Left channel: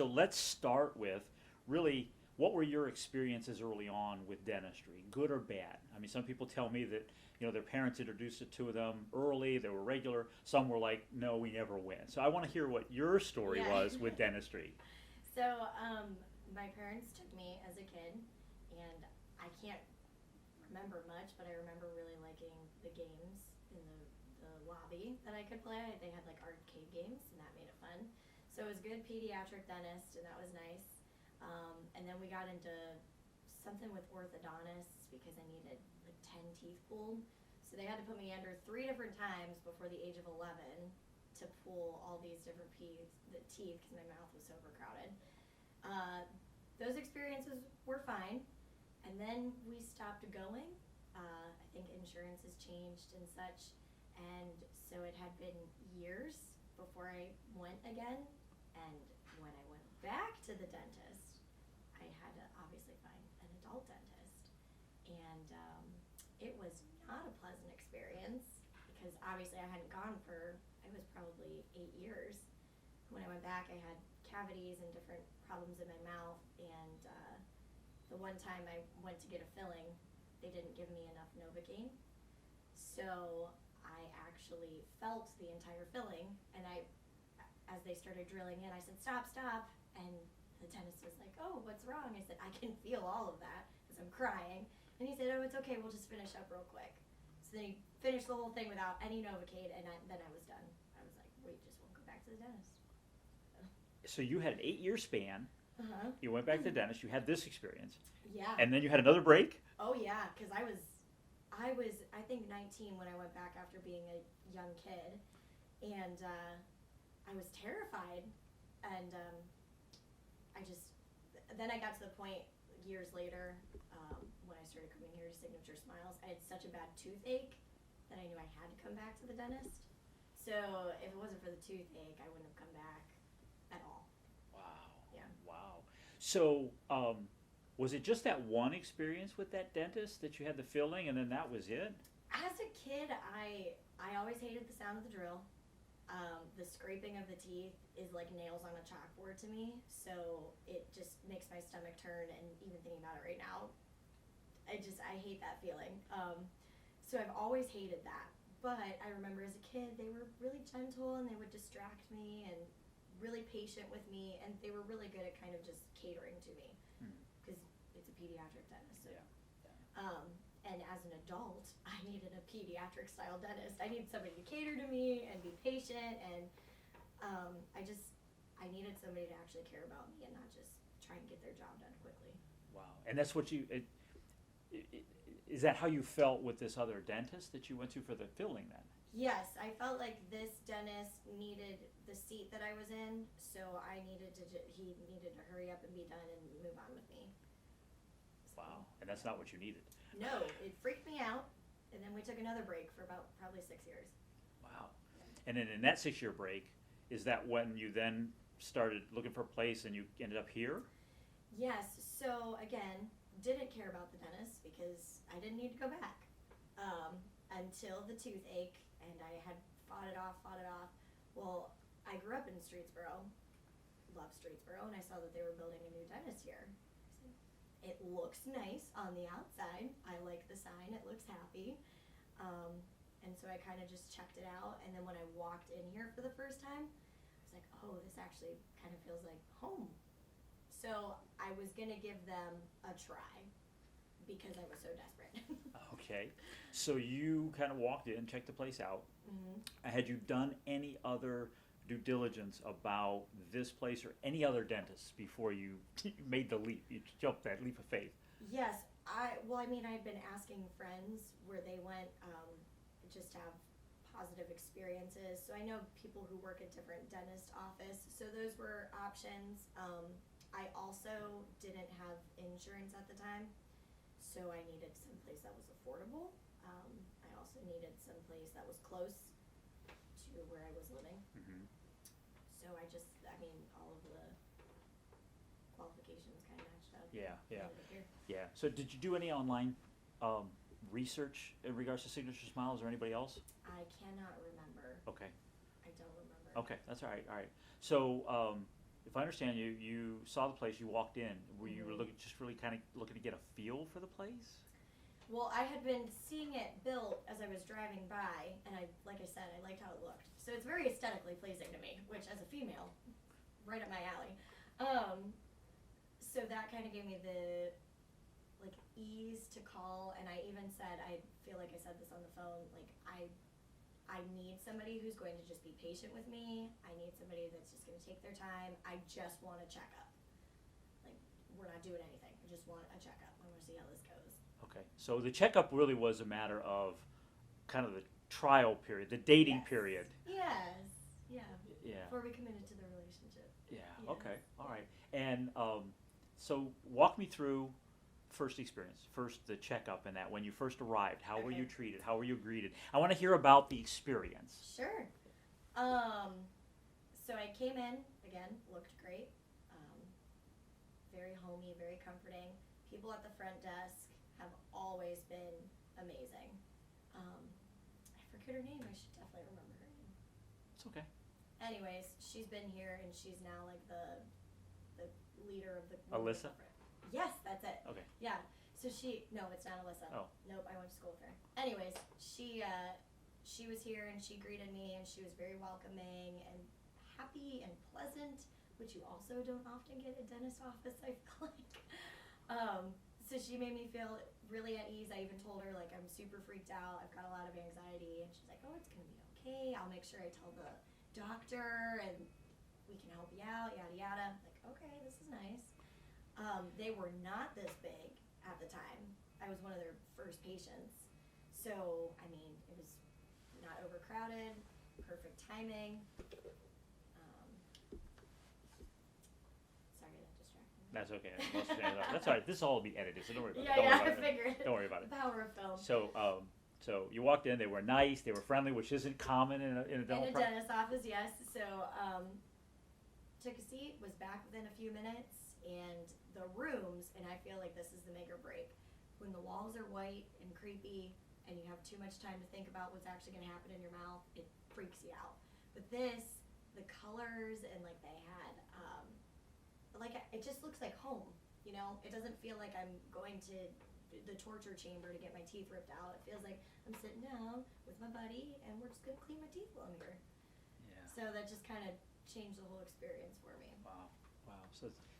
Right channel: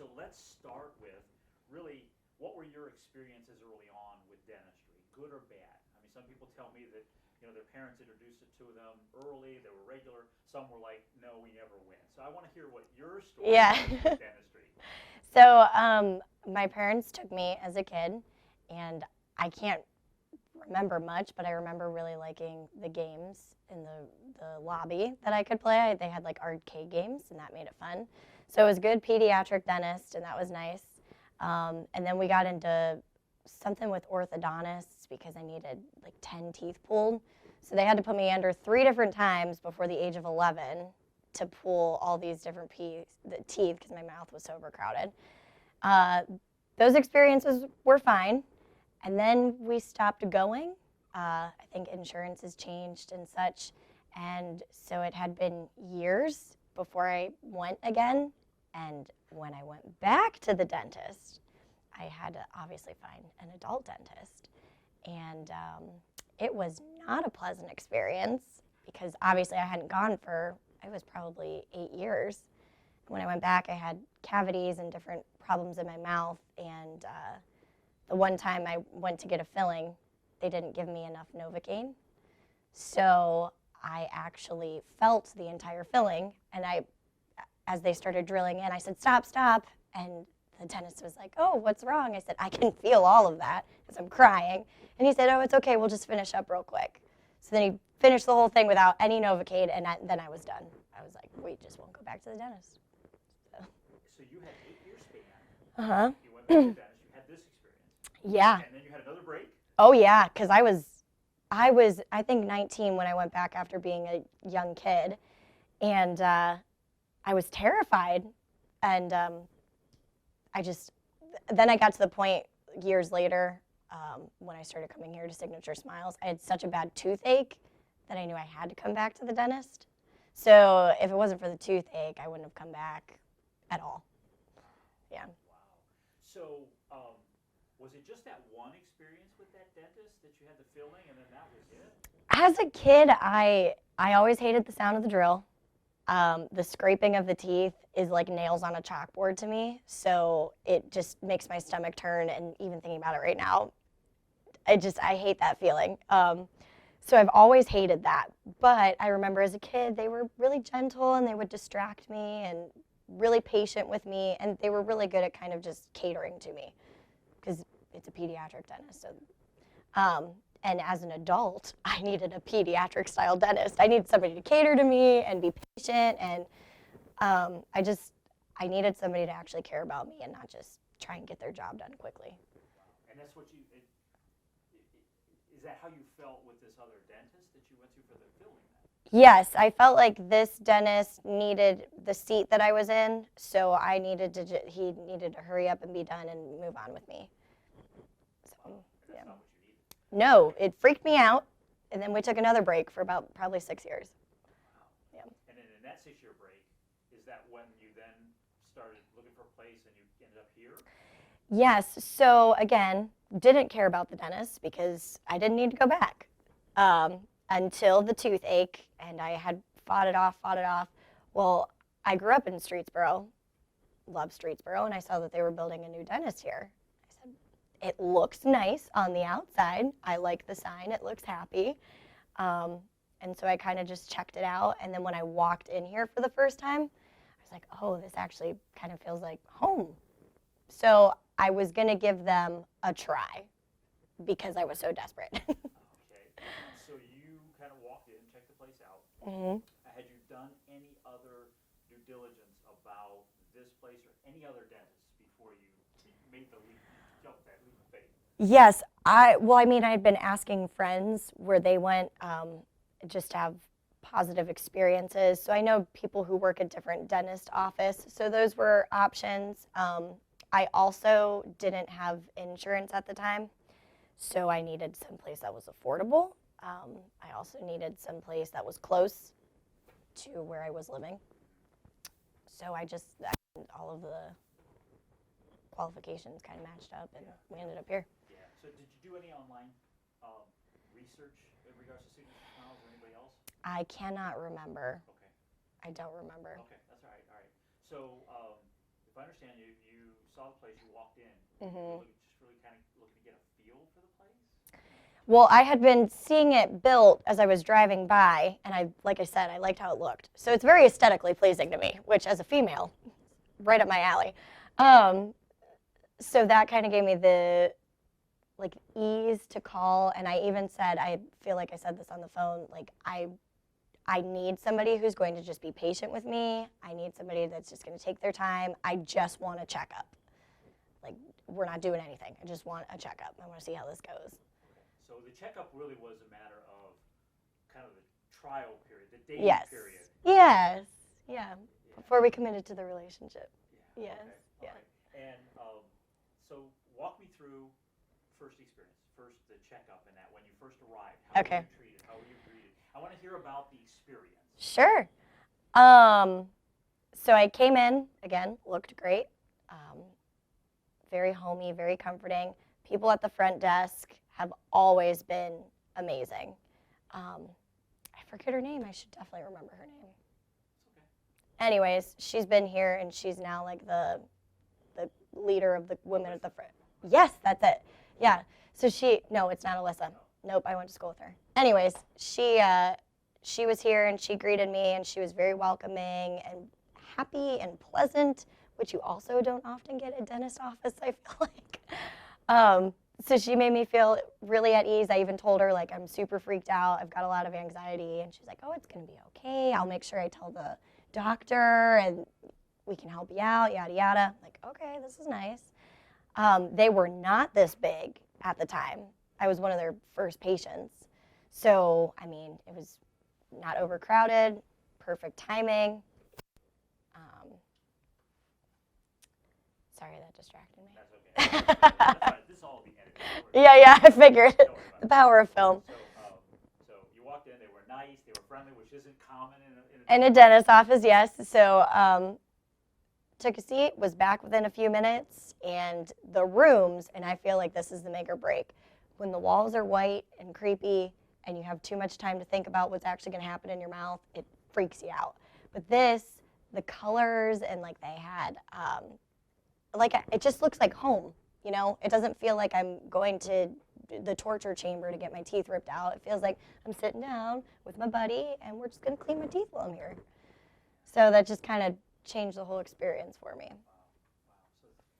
So let's start with really what were your experiences early on with dentistry, good or bad? I mean, some people tell me that their parents introduced it to them early, they were regular. Some were like, no, we never went. So I want to hear what your story Yeah. was with dentistry. So my parents took me as a kid, and I can't remember much, but I remember really liking the games in the lobby that I could play. They had like arcade games, and that made it fun. So it was a good pediatric dentist, and that was nice. And then we got into something with orthodontists because I needed like 10 teeth pulled. So they had to put me under 3 different times before the age of 11 to pull all these different teeth because my mouth was so overcrowded. Those experiences were fine. And then we stopped going. I think insurance has changed and such. And so it had been years before I went again. And when I went back to the dentist, I had to obviously find an adult dentist. And it was not a pleasant experience because obviously I hadn't gone for, it was probably 8 years. When I went back, I had cavities and different problems in my mouth. And the one time I went to get a filling, they didn't give me enough Novocaine. So I actually felt the entire filling, and as they started drilling in, I said, stop, stop. And the dentist was like, oh, what's wrong? I said, I can feel all of that because I'm crying. And he said, oh, it's okay, we'll just finish up real quick. So then he finished the whole thing without any Novocaine, and then I was done. I was like, we just won't go back to the dentist. So you had an 8-year span. Uh-huh. You went back to the dentist. You had this experience. Yeah. And then you had another break? Oh, yeah, because I was, I think, 19 when I went back after being a young kid. And I was terrified. And then I got to the point years later when I started coming here to Signature Smiles, I had such a bad toothache that I knew I had to come back to the dentist. So if it wasn't for the toothache, I wouldn't have come back at all. Wow. Yeah. Wow. So was it just that one experience with that dentist that you had the filling and then that was it? As a kid, I always hated the sound of the drill. The scraping of the teeth is like nails on a chalkboard to me, so it just makes my stomach turn, and even thinking about it right now, I hate that feeling. So I've always hated that, but I remember as a kid, they were really gentle, and they would distract me, and really patient with me, and they were really good at kind of just catering to me, because it's a pediatric dentist, so. And as an adult, I needed a pediatric-style dentist. I needed somebody to cater to me and be patient, and I needed somebody to actually care about me and not just try and get their job done quickly. Wow. And that's what is that how you felt with this other dentist that you went to for the filling then? Yes, I felt like this dentist needed the seat that I was in, so he needed to hurry up and be done and move on with me. So, wow. And that's not what you needed. No, it freaked me out, and then we took another break for about probably 6 years. Wow. Yeah. And then in that 6-year break, is that when you then started looking for a place and you ended up here? Yes, so again, didn't care about the dentist because I didn't need to go back until the toothache, and I had fought it off. Well, I grew up in Streetsboro, love Streetsboro, and I saw that they were building a new dentist here. I said, it looks nice on the outside. I like the sign. It looks happy. And so I kind of just checked it out. And then when I walked in here for the first time, I was like, oh, this actually kind of feels like home. So I was going to give them a try because I was so desperate. Okay. So you kind of walked in, checked the place out. Mm-hmm. Had you done any other due diligence about this place or any other dentists before you made the leap, you jumped that leap of faith? Yes, I had been asking friends where they went just to have positive experiences. So I know people who work at different dentist office, so those were options. I also didn't have insurance at the time, so I needed someplace that was affordable. I also needed someplace that was close to where I was living. Mm-hmm. So all of the qualifications kind of matched up, and we ended up here. Yeah. So did you do any online research in regards to Signature Smiles or anybody else? I cannot remember. Okay. I don't remember. Okay, that's all right. All right. So if I understand you, you saw the place, you walked in. Were you Mhm. looking, just really kind of looking to get a feel for the place? Well, I had been seeing it built as I was driving by, and like I said, I liked how it looked. So it's very aesthetically pleasing to me, which as a female, right up my alley. So that kind of gave me the like ease to call, and I even said, I feel like I said this on the phone, like I need somebody who's going to just be patient with me. I need somebody that's just going to take their time. I just want a checkup. Like, we're not doing anything. I just want a checkup. I want to see how this goes. Okay, so the checkup really was a matter of kind of the trial period, the dating Yes. period. Yes. Yeah. Yeah. Before we committed to the relationship. Yeah. Yes. Okay. All Yeah. right. And so walk me through first experience, first the checkup and that. When you first arrived, how were Okay. you treated? How were you greeted? I want to hear about the experience. Sure. So I came in, again, looked great. Very homey, very comforting. People at the front desk have always been amazing. I forget her name. I should definitely remember her name. It's okay. Anyways, she's been here, and she's now like the leader of the women at the Alyssa. front. Yes, that's it. Okay. Yeah. So no, it's not Alyssa. Oh. Nope, I went to school with her. Anyways, she was here, and she greeted me, and she was very welcoming and happy and pleasant, which you also don't often get at a dentist office, I feel like. So she made me feel really at ease. I even told her, like, I'm super freaked out. I've got a lot of anxiety. And she's like, oh, it's going to be okay. I'll make sure I tell the doctor, and we can help you out, yada, yada. I'm like, okay, this is nice. They were not this big at the time. I was one of their first patients. So, I mean, it was not overcrowded, perfect timing. Sorry, that distracted me. That's okay. That's all right. This all will be edited. Don't worry about Yeah, it. I figured. Don't worry about The it. power of film. So you walked in. They were nice. They were friendly, which isn't common in In a dentist office, yes. So took a seat, was back within a few minutes, and the rooms, and I feel like this is the make or break, when the walls are white and creepy and you have too much time to think about what's actually going to happen in your mouth, it freaks you out. But this, the colors, and like they had, it just looks like home, you know? It doesn't feel like I'm going to the torture chamber to get my teeth ripped out. It feels like I'm sitting down with my buddy and we're just going to clean my teeth while I'm here. Yeah. So that just kind of changed the whole experience for me. Wow.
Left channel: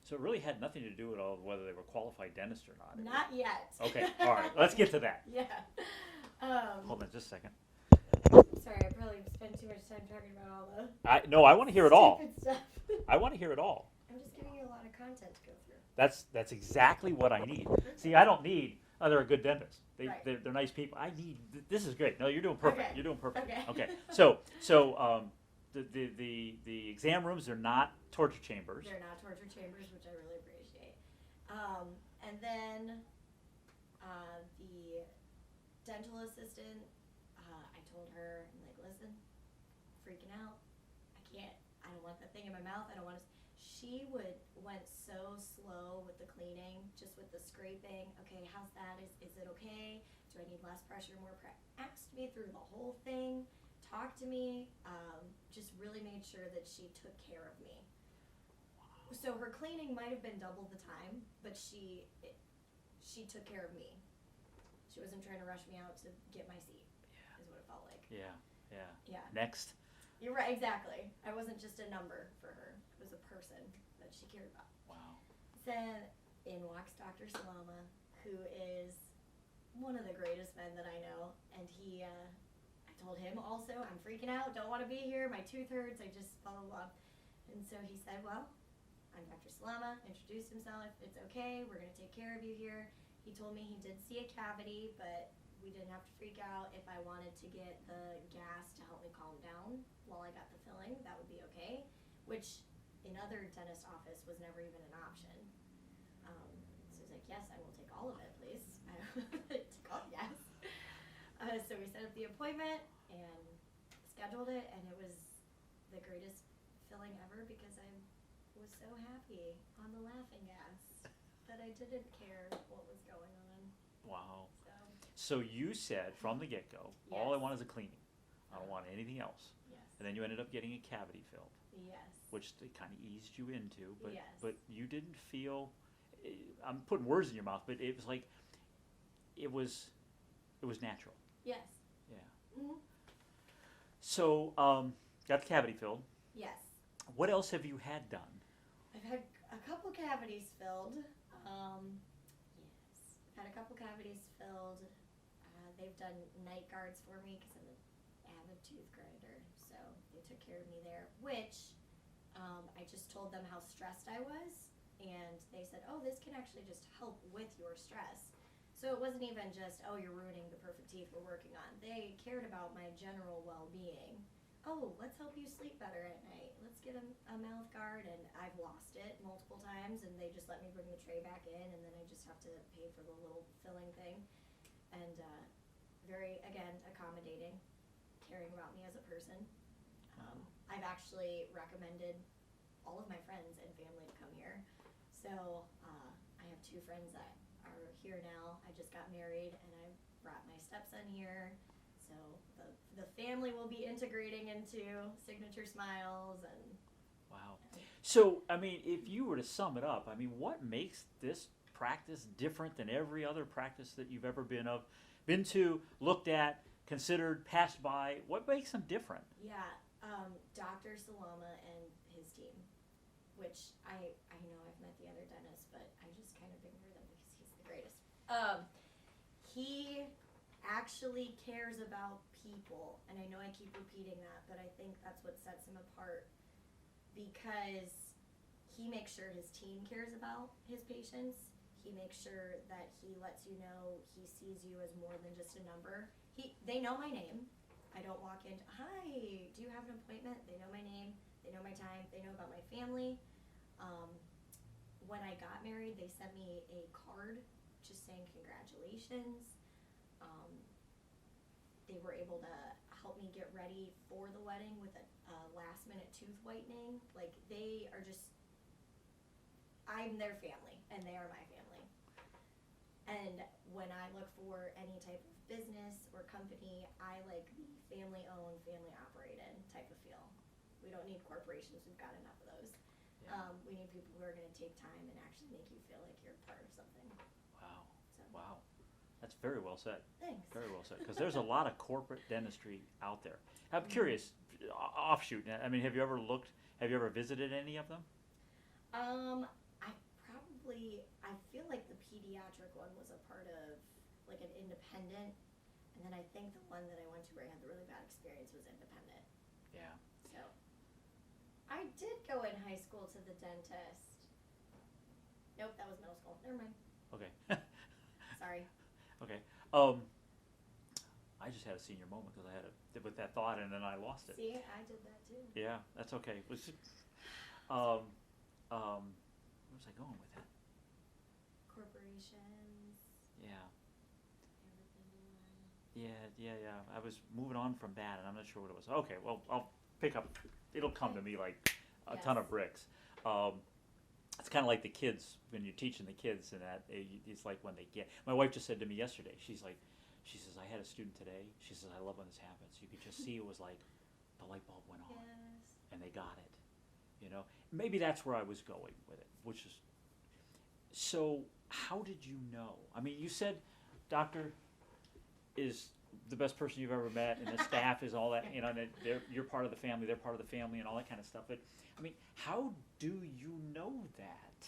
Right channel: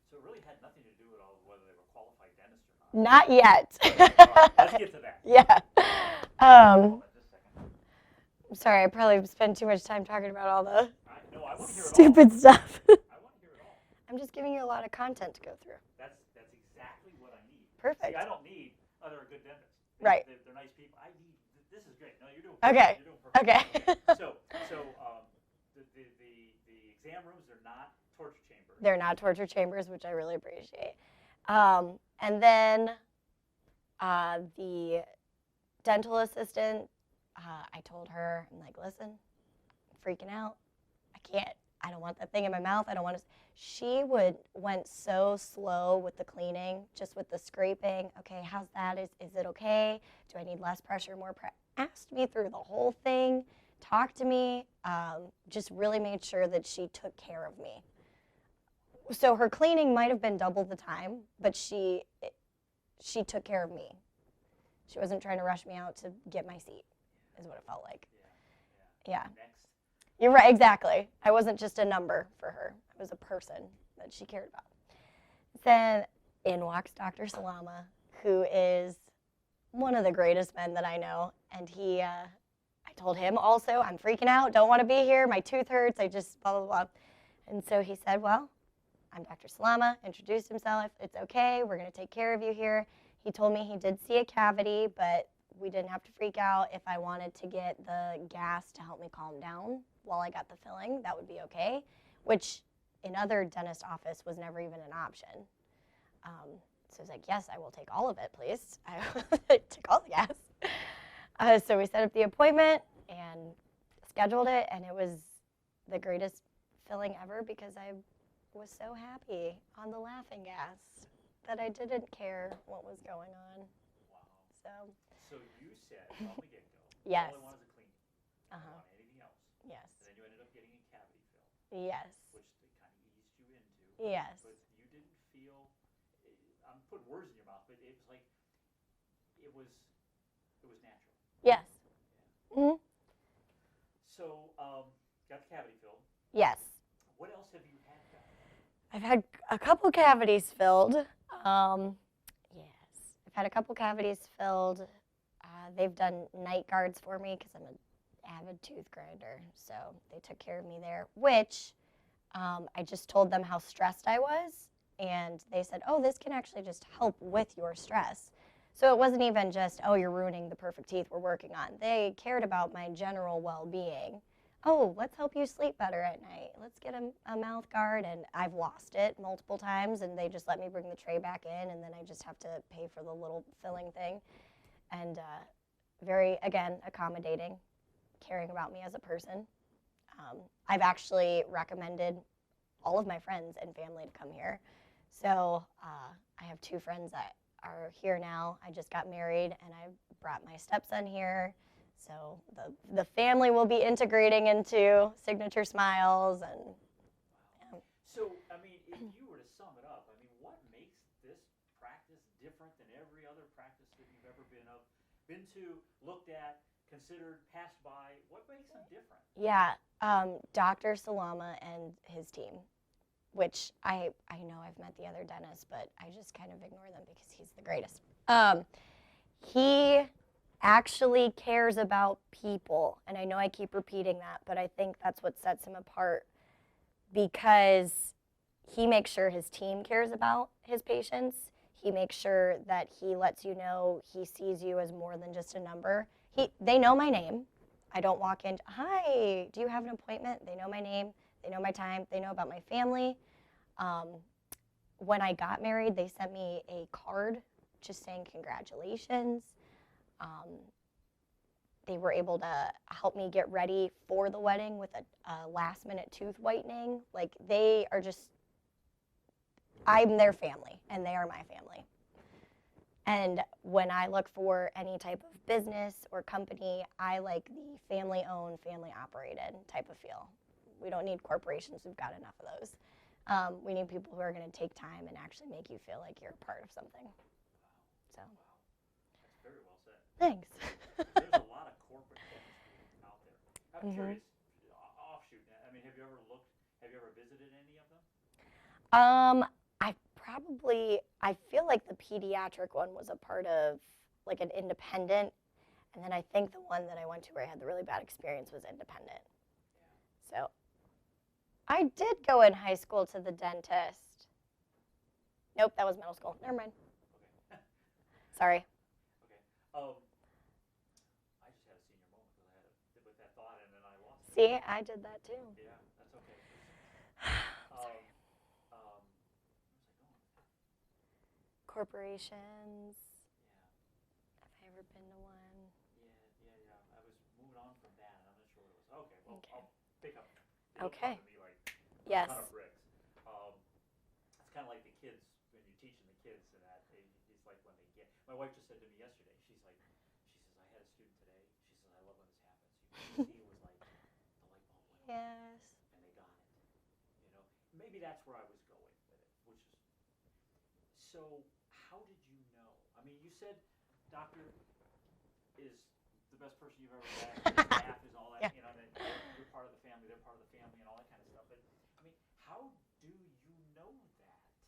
So it really had nothing to do at all with whether they were qualified dentists or not. Not yet. Okay, all right, let's get to that. Yeah. Hold on just a second. Sorry, I probably spent too much time talking about all the No, I want to hear it all. stupid stuff. I want to hear it all. I'm just giving you a lot of content to go through. That's exactly what I need. Perfect. See, I don't need. They're a good dentist. Right. They're nice people. I need. This is great. No, you're doing perfect. Okay. You're doing perfect. Okay. Okay. The exam rooms are not torture chambers. They're not torture chambers, which I really appreciate. And then the dental assistant, I told her, I'm like, listen, I'm freaking out. I don't want that thing in my mouth. I don't want to. She went so slow with the cleaning, just with the scraping. Okay, how's that? Is it okay? Do I need less pressure, more pressure? Asked me through the whole thing, talked to me, just really made sure that she took care of me. So her cleaning might have been double the time, but she took care of me. She wasn't trying to rush me out to get my seat, is what it felt like. Yeah. Next. You're right, exactly. I wasn't just a number for her. I was a person that she cared about. Wow. Then in walks Dr. Salama, who is one of the greatest men that I know. And I told him also, I'm freaking out, don't want to be here, my tooth hurts, I just blah, blah, blah. And so he said, well, I'm Dr. Salama, introduced himself, it's okay, we're going to take care of you here. He told me he did see a cavity, but we didn't have to freak out. If I wanted to get the gas to help me calm down while I got the filling, that would be okay, which in other dentist office was never even an option. So I was like, yes, I will take all of it, please. I took all the gas. So we set up the appointment and scheduled it, and it was the greatest filling ever because I was so happy on the laughing gas that I didn't care what was going on. Wow. So So you said from the get-go, Yes. all I want is a cleaning. I don't want anything else. Yes. And then you ended up getting a cavity filled, Yes. which they kind of eased you into. But, Yes. But you didn't feel, I'm putting words in your mouth, but it was like, it was natural. Yes. Yeah. Hmm. So, got the cavity filled. Yes. What else have you had done? I've had a couple cavities filled. Yes. I've had a couple cavities filled. They've done night guards for me because I'm an avid tooth grinder. So they took care of me there, which I just told them how stressed I was. And they said, oh, this can actually just help with your stress. So it wasn't even just, oh, you're ruining the perfect teeth we're working on. They cared about my general well-being. Oh, let's help you sleep better at night. Let's get a mouth guard. And I've lost it multiple times, and they just let me bring the tray back in, and then I just have to pay for the little filling thing. And very, again, accommodating, caring about me as a person. I've actually recommended all of my friends and family to come here. So I have 2 friends that are here now. I just got married, and I brought my stepson here. So the family will be integrating into Signature Smiles. And wow. So, I mean, if you were to sum it up, I mean, what makes this practice different than every other practice that you've ever been to, looked at, considered, passed by? What makes them different? Yeah, Dr. Salama and his team, which I know I've met the other dentists, but I just kind of ignore them because he's the greatest. He actually cares about people, and I know I keep repeating that, but I think that's what sets him apart, because he makes sure his team cares about his patients. He makes sure that he lets you know he sees you as more than just a number. They know my name. I don't walk in, hi, do you have an appointment? They know my name, they know my time, they know about my family. When I got married, they sent me a card just saying congratulations. They were able to help me get ready for the wedding with a last-minute tooth whitening. Like, they are just, I'm their family, and they are my family. And when I look for any type of business or company, I like the family-owned, family-operated type of feel. We don't need corporations. We've got enough of those. We need people who are going to take time and actually make you feel like you're a part of something. Wow. So. Wow. That's very well said. Thanks. Very well said. Because there's a lot of corporate dentistry out there. I'm curious, offshoot, I mean, have you ever visited any of them? I feel like the pediatric one was a part of like an independent, and then I think the one that I went to where I had the really bad experience was independent. Yeah. So I did go in high school to the dentist. Nope, that was middle school. Never mind. Okay. Sorry. Okay. I just had a senior moment because I had with that thought and then I lost it. See, I did that too. Yeah, that's okay. Where was I going with that? Corporations. Yeah. Have I ever been to one? Yeah. I was moving on from that and I'm not sure what it was. Okay, well, I'll pick up. It'll come to me like a ton of bricks. It's kind of like the kids, when you're teaching the kids and that, it's like when they get, my wife just said to me yesterday, she says, I had a student today, she says, I love when this happens. You could just see it was like the light bulb went on. Yes. And they got it, you know. Maybe that's where I was going with it, which is, so how did you know? I mean, you said doctor is the best person you've ever met, and the staff is all that, you know, and you're part of the family, they're part of the family, and all that kind of stuff. But, I mean, how do you know that?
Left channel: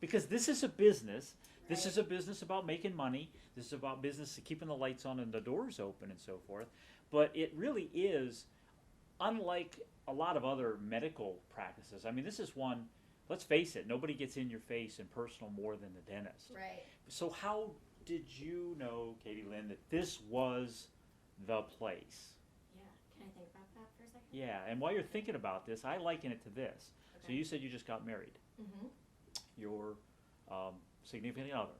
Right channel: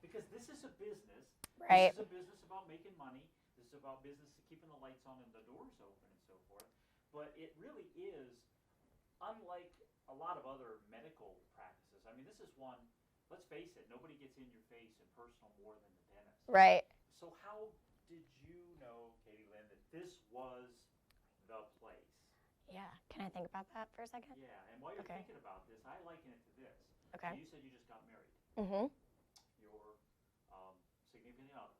Because this is a business. Right. This is a business about making money. This is about business keeping the lights on and the doors open and so forth. But it really is, unlike a lot of other medical practices. I mean, this is one, let's face it, nobody gets in your face and personal more than the dentist. Right. So how did you know, Katylynn, that this was the place? Yeah. Can I think about that for a second? Yeah, and while you're thinking about this, I liken it to this. Okay. So you said you just got married. Mm-hmm. Your significant other,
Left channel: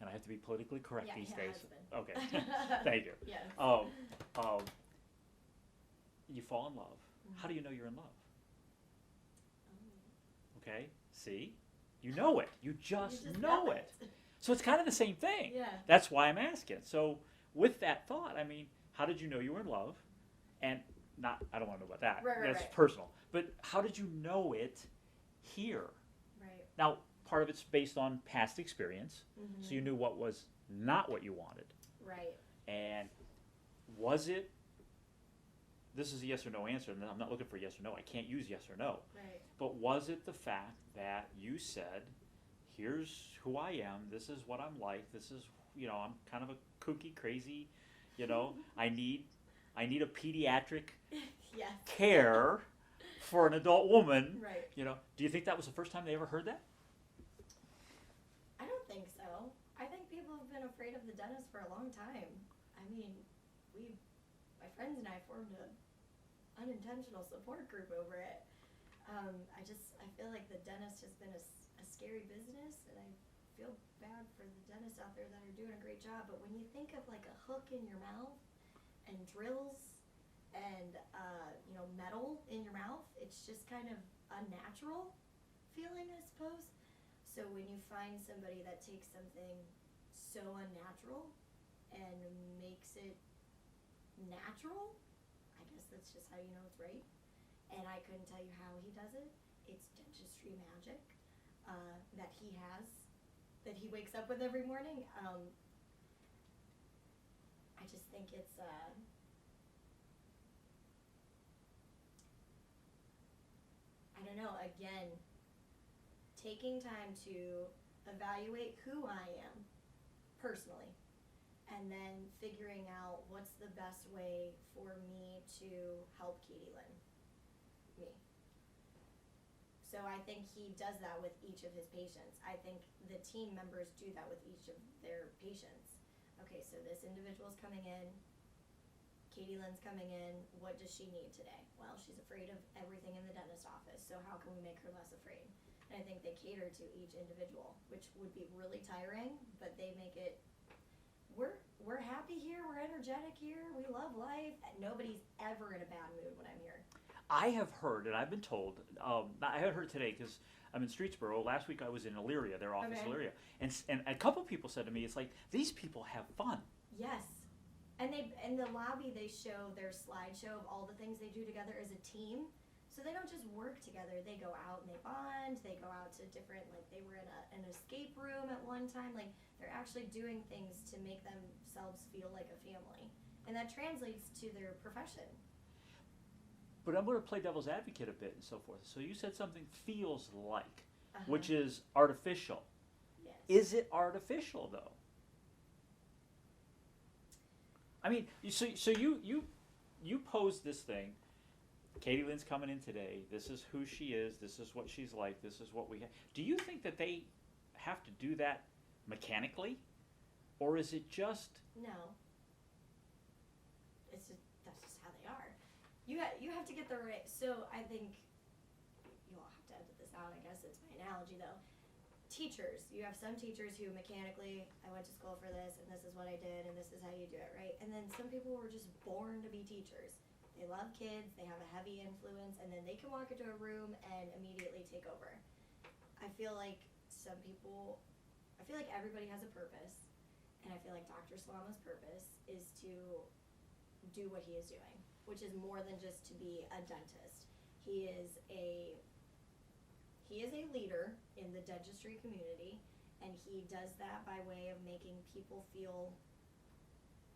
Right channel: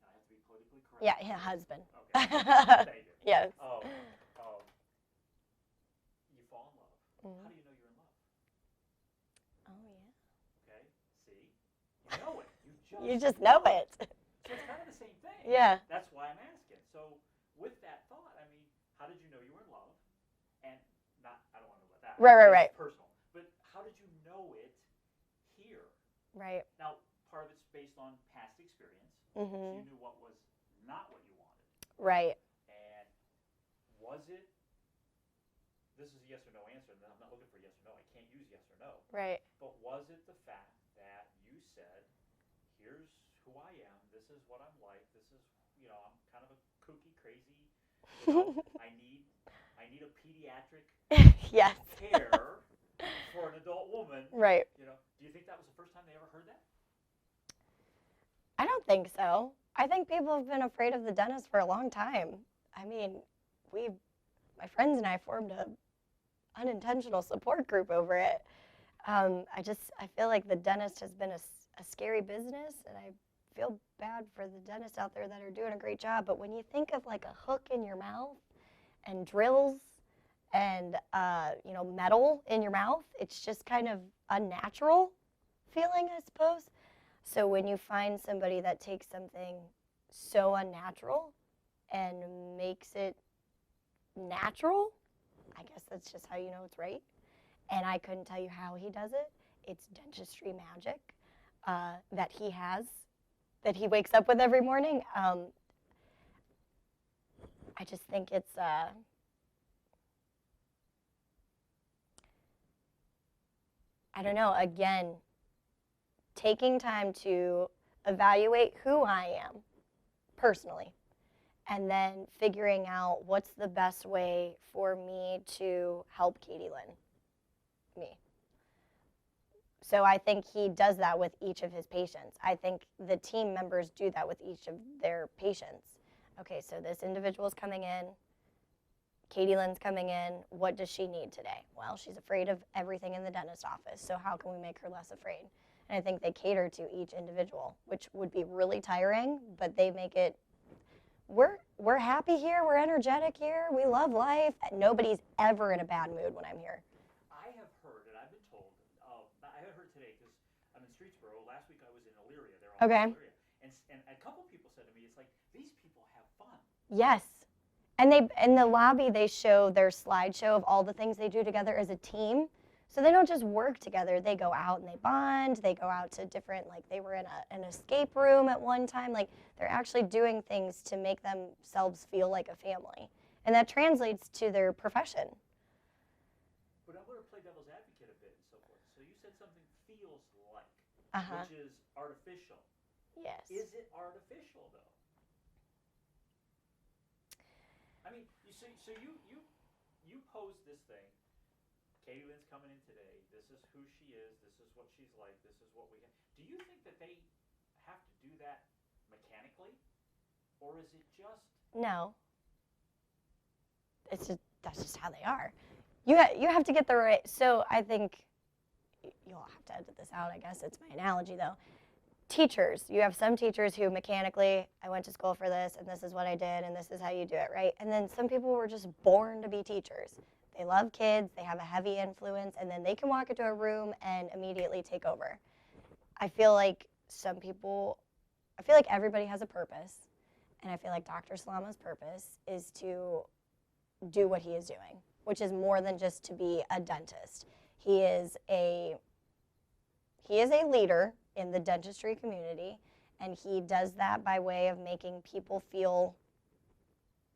and I have to be politically correct. Yeah, these his days. husband. Okay, thank you. Yes. You fall in love. Mm-hmm. How do you know you're in love? Oh, yeah. Okay, see? You know it. You just know it. So it's kind of the same thing. Yeah. That's why I'm asking. So with that thought, I mean, how did you know you were in love? And not, I don't want to know about that. Right. It's personal. But how did you know it here? Right. Now, part of it's based on past experience. Mm-hmm. So you knew what was not what you wanted. Right. And was it, this is a yes or no answer, and I'm not looking for yes or no. I can't use yes or no. Right. But was it the fact that you said, here's who I am, this is what I'm like, this is, I'm kind of a kooky, crazy, I need a pediatric Yes. care for an adult woman. Right. Do you think that was the first time they ever heard that? I don't think so. I think people have been afraid of the dentist for a long time. I mean, my friends and I formed a unintentional support group over it. I feel like the dentist has been a scary business, and I feel bad for the dentists out there that are doing a great job. But when you think of like a hook in your mouth and drills and metal in your mouth, it's just kind of unnatural feeling, I suppose. So when you find somebody that takes something so unnatural and makes it natural, I guess that's just how you know it's right. And I couldn't tell you how he does it. It's dentistry magic that he has, that he wakes up with every morning. I just think it's I don't know, again, taking time to evaluate who I am personally, and then figuring out what's the best way for me to help Katylynn, me. So I think he does that with each of his patients. I think the team members do that with each of their patients. Okay, so this individual's coming in, Katylynn's coming in, what does she need today? Well, she's afraid of everything in the dentist office, so how can we make her less afraid? And I think they cater to each individual, which would be really tiring, but they make it, we're happy here, we're energetic here, we love life. Nobody's ever in a bad mood when I'm here. I have heard, and I've been told, I haven't heard today because I'm in Streetsboro. Last week I was in Elyria, their office in Elyria. And a couple people said to me, it's like, these people have fun. Yes. And they in the lobby, they show their slideshow of all the things they do together as a team. So they don't just work together. They go out and they bond. They go out to different, like they were in an escape room at one time. Like they're actually doing things to make themselves feel like a family. And that translates to their profession. But I'm going to play devil's advocate a bit and so forth. So you said something feels like, which is artificial. Yes. Is it artificial, though? I mean, so you pose this thing. Katylynn's coming in today. This is who she is. This is what she's like. This is what we have. Do you think that they have to do that mechanically, or is it just? No. That's just how they are. You have to get the right. So I think you'll have to edit this out. I guess it's my analogy though. Teachers, you have some teachers who mechanically, I went to school for this, and this is what I did, and this is how you do it, right? And then some people were just born to be teachers. They love kids, they have a heavy influence, and then they can walk into a room and immediately take over. I feel like everybody has a purpose, and I feel like Dr. Salama's purpose is to do what he is doing, which is more than just to be a dentist. He is a leader in the dentistry community, and he does that by way of making people feel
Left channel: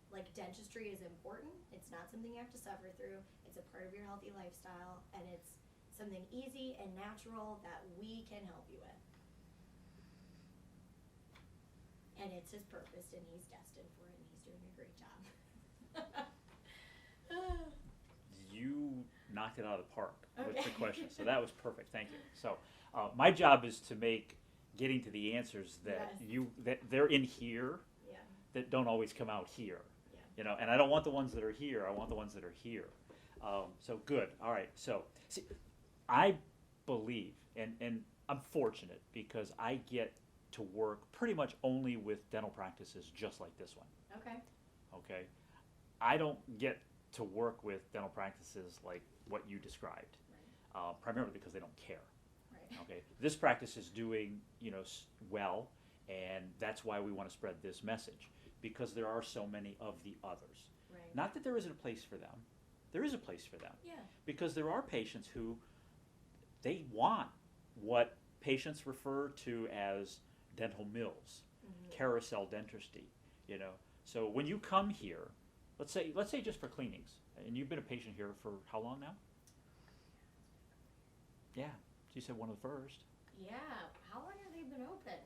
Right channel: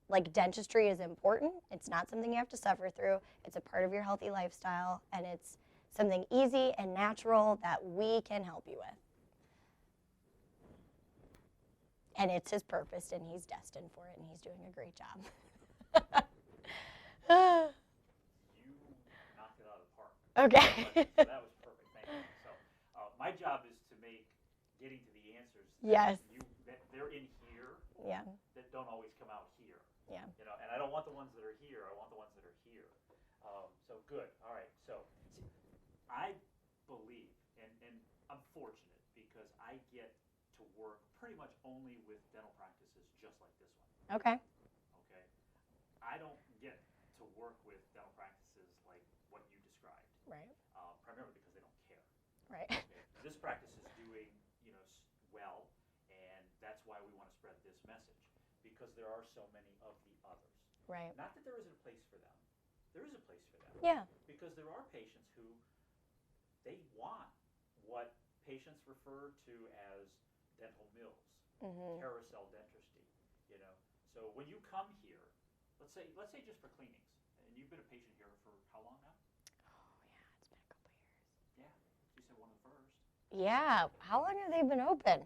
like dentistry is important. It's not something you have to suffer through. It's a part of your healthy lifestyle, and it's something easy and natural that we can help you with. And it's his purpose, and he's destined for it, and he's doing a great job. You knocked it out of the park. Okay. So that was perfect. Thank you. So my job is to make getting to the answers that that they're in here that don't always come out here. Yeah. And I don't want the ones that are here. I want the ones that are here. So good. All right. So see, I believe, and I'm fortunate because I get to work pretty much only with dental practices just like this one. Okay. Okay. I don't get to work with dental practices like what you described. Right. Primarily because they don't care. Right. Okay. This practice is doing, well, and that's why we want to spread this message, because there are so many of the others. Right. Not that there isn't a place for them, there is a place for them. Yeah. Because there are patients who they want what patients refer to as dental mills, carousel dentistry, you know. So when you come here, let's say just for cleanings, and you've been a patient here for how long now? Yeah, she said one of the first. Yeah. How long have they been open?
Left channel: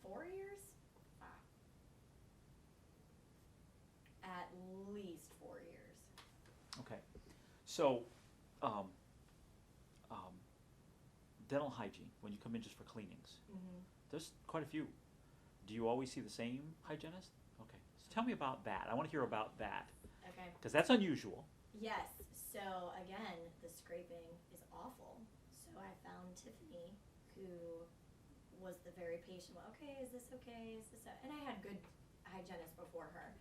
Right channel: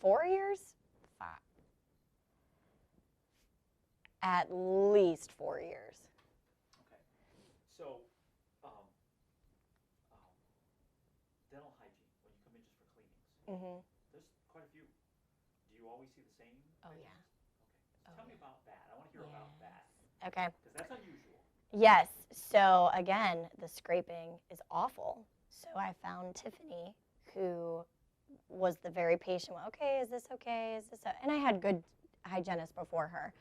4 years? 5. At least 4 years. Okay. So, dental hygiene, when you come in just for cleanings, there's quite a few. Do you always see the same hygienist? Okay. So tell me about that. I want to hear about that. Okay. Because that's unusual. Yes. So again, the scraping is awful. So I found Tiffany, who was the very patient. Okay, is this okay? Is this? And I had good hygienists before her.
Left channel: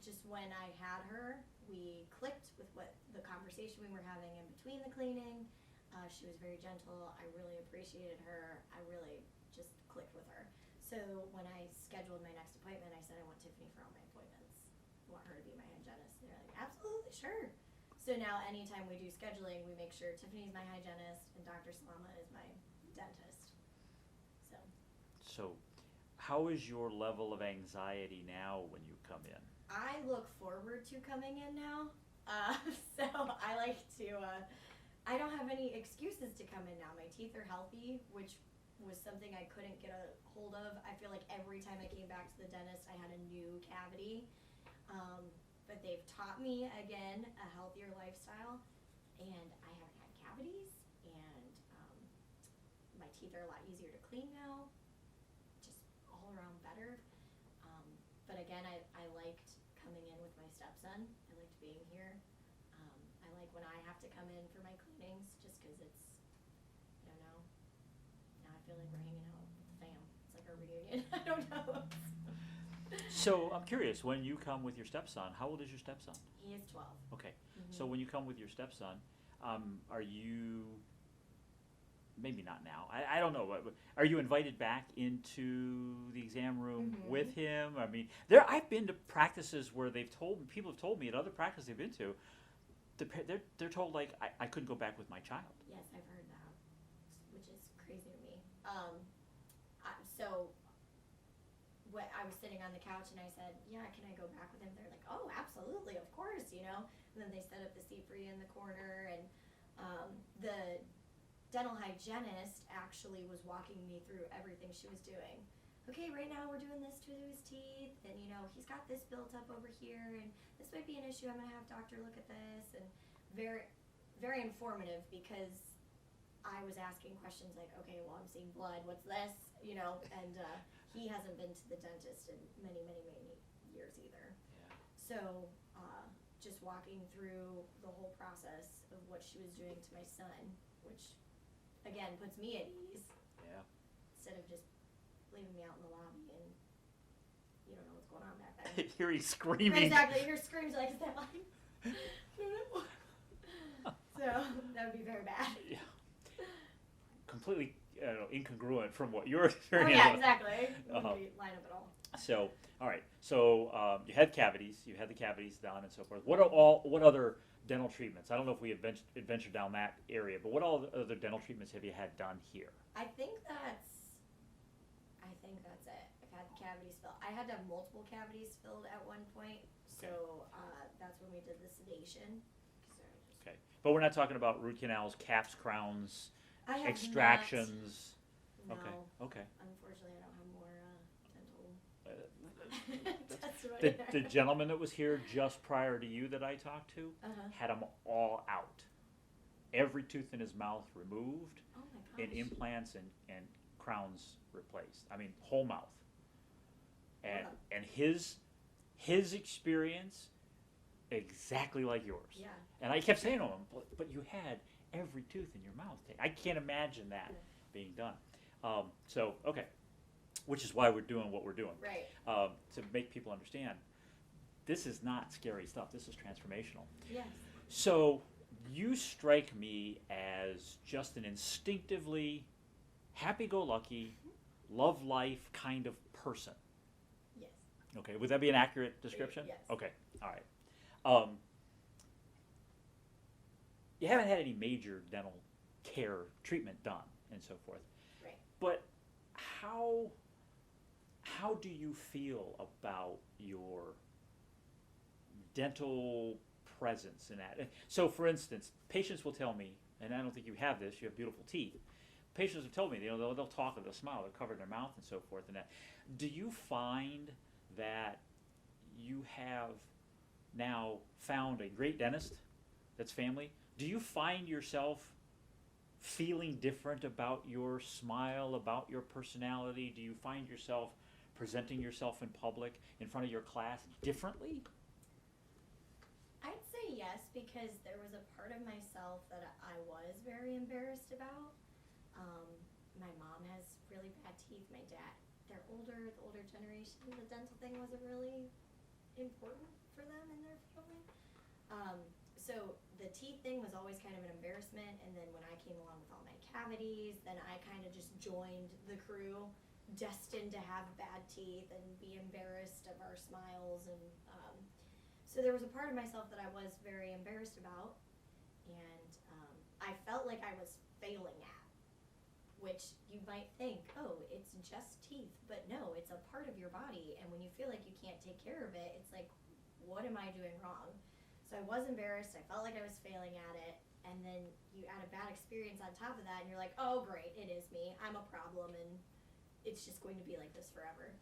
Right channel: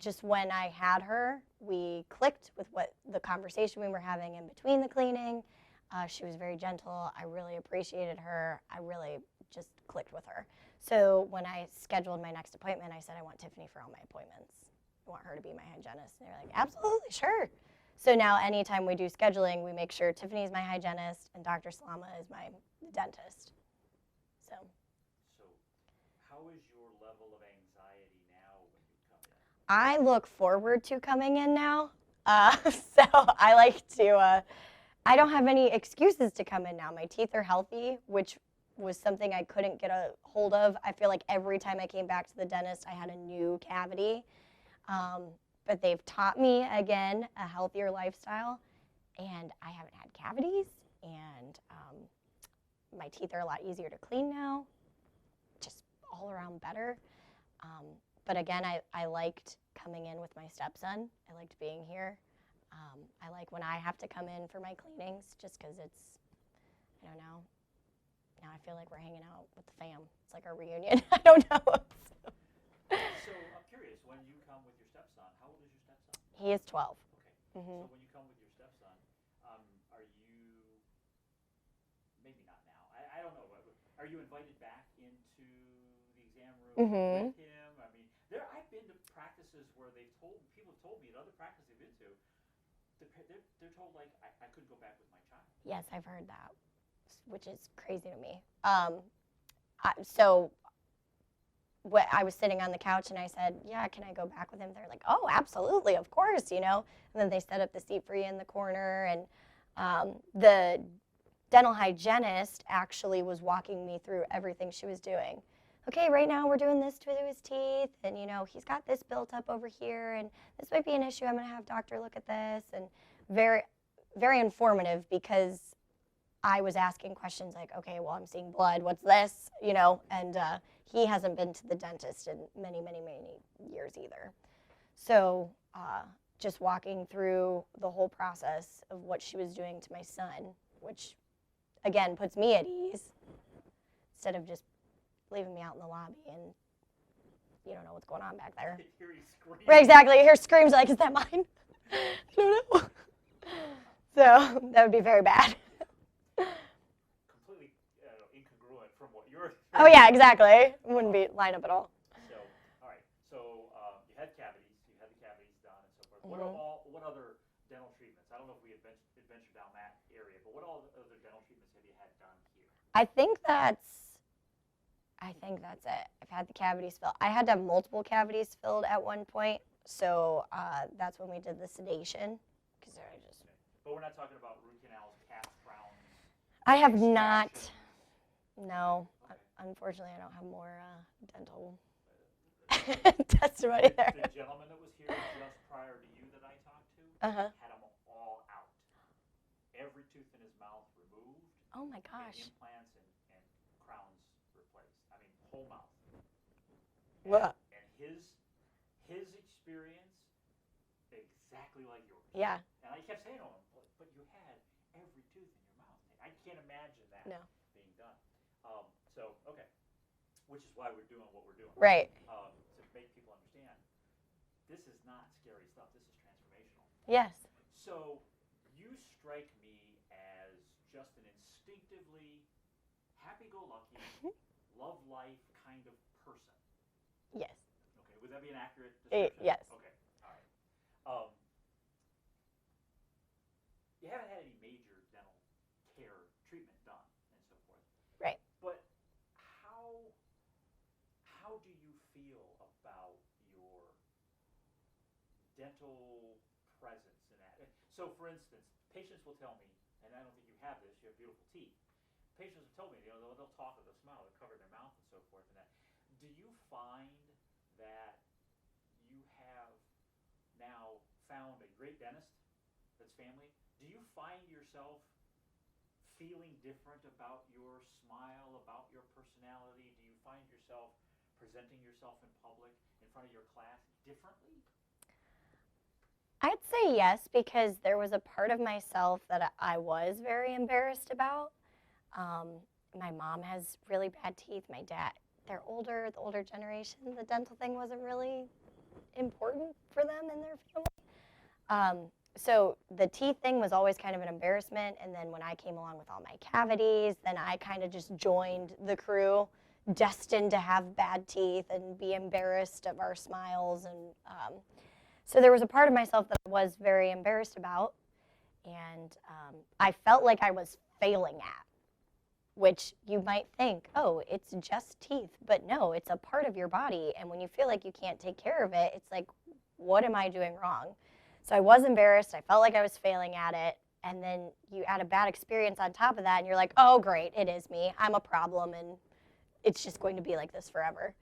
Just when I had her, we clicked with what the conversation we were having in between the cleaning. She was very gentle. I really appreciated her. I really just clicked with her. So when I scheduled my next appointment, I said, I want Tiffany for all my appointments. I want her to be my hygienist. And they're like, absolutely, sure. So now anytime we do scheduling, we make sure Tiffany's my hygienist and Dr. Salama is my dentist. So how is your level of anxiety now when you come in? I look forward to coming in now. So I like to, I don't have any excuses to come in now. My teeth are healthy, which was something I couldn't get a hold of. I feel like every time I came back to the dentist, I had a new cavity. But they've taught me, again, a healthier lifestyle, and I haven't had cavities, and my teeth are a lot easier to clean now, just all around better. But again, I liked coming in with my stepson. I liked being here. I like when I have to come in for my cleanings, just because it's, now I feel like we're hanging out with the fam. It's like our reunion. I don't know. So I'm curious, when you come with your stepson, how old is your stepson? He is 12. Okay. So when you come with your stepson, are you, maybe not now, I don't know, are you invited back into the exam room with him? I mean, I've been to practices where people have told me at other practices they've been to, they're told, like, I couldn't go back with my child. Yes, I've heard that, which is crazy to me. So I was sitting on the couch and I said, yeah, can I go back with him? They're like, oh, absolutely, of course, And then they set up the seat for you in the corner. And the dental hygienist actually was walking me through everything she was doing. Okay, right now we're doing this to his teeth, and he's got this built up over here, and this might be an issue. I'm going to have doctor look at this, and very, very informative, because I was asking questions like, okay, well, I'm seeing blood. What's this? And he hasn't been to the dentist in many, many, many years either. So just walking through the whole process of what she was doing to my son, which again puts me at ease, instead of just leaving me out in the lobby and you don't know what's going on back there. Hearing screaming. Right, exactly. You hear screams like, is that mine? I don't know. So that would be very bad. Yeah. Completely incongruent from what you're Oh yeah, exactly. Wouldn't be line up at all. So, all right. So you had cavities. You had the cavities done and so forth. What other dental treatments? I don't know if we adventured down that area, but what other dental treatments have you had done here? I think that's it. I've had the cavities filled. I had to have multiple cavities filled at one point, so that's when we did the sedation. Okay, but we're not talking about root canals, caps, crowns. I have not. Extractions. No. Okay. Unfortunately, I don't have more dental testimony there. The gentleman that was here just prior to you that I talked to had them all out. Every tooth in his mouth removed. Oh my gosh. And implants and crowns replaced. I mean, whole mouth. And his experience exactly like yours. Yeah. And I kept saying to him, but you had every tooth in your mouth. I can't imagine that being done. So, okay. Which is why we're doing what we're doing. Right. To make people understand, this is not scary stuff. This is transformational. Yes. So, you strike me as just an instinctively happy-go-lucky, love life kind of person. Yes. Okay. Would that be an accurate description? Yes. Okay. All right. you haven't had any major dental care treatment done and so forth. Right. But how do you feel about your dental presence in that? So, for instance, patients will tell me, and I don't think you have this, you have beautiful teeth. Patients have told me, they'll talk with a smile, they're covering their mouth and so forth and that. Do you find that you have now found a great dentist that's family? Do you find yourself feeling different about your smile, about your personality? Do you find yourself presenting yourself in public, in front of your class, differently? I'd say yes, because there was a part of myself that I was very embarrassed about. My mom has really bad teeth. My dad, they're older, the older generation. The dental thing wasn't really important for them in their family. So the teeth thing was always kind of an embarrassment. And then when I came along with all my cavities, then I kind of just joined the crew, destined to have bad teeth and be embarrassed of our smiles. And so there was a part of myself that I was very embarrassed about. And I felt like I was failing at, which you might think, oh, it's just teeth. But no, it's a part of your body. And when you feel like you can't take care of it, it's like, what am I doing wrong? So I was embarrassed. I felt like I was failing at it. And then you add a bad experience on top of that, and you're like, oh, great, it is me. I'm a problem, and it's just going to be like this forever.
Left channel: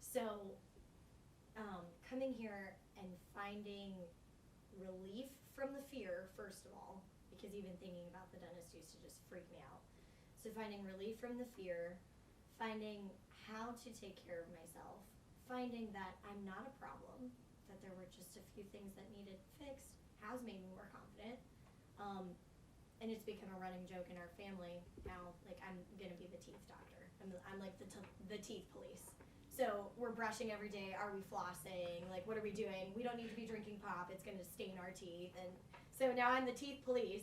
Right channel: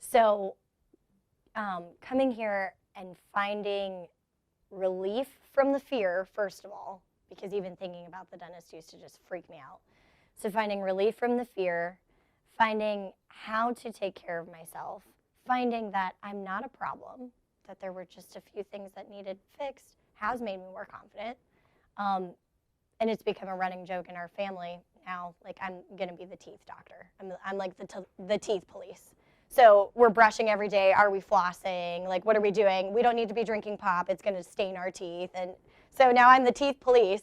So coming here and finding relief from the fear, first of all, because even thinking about the dentist used to just freak me out. So finding relief from the fear, finding how to take care of myself, finding that I'm not a problem, that there were just a few things that needed fixed, has made me more confident. And it's become a running joke in our family now. Like, I'm going to be the teeth doctor. I'm like the teeth police. So we're brushing every day. Are we flossing? Like, what are we doing? We don't need to be drinking pop. It's going to stain our teeth. And so now I'm the teeth police,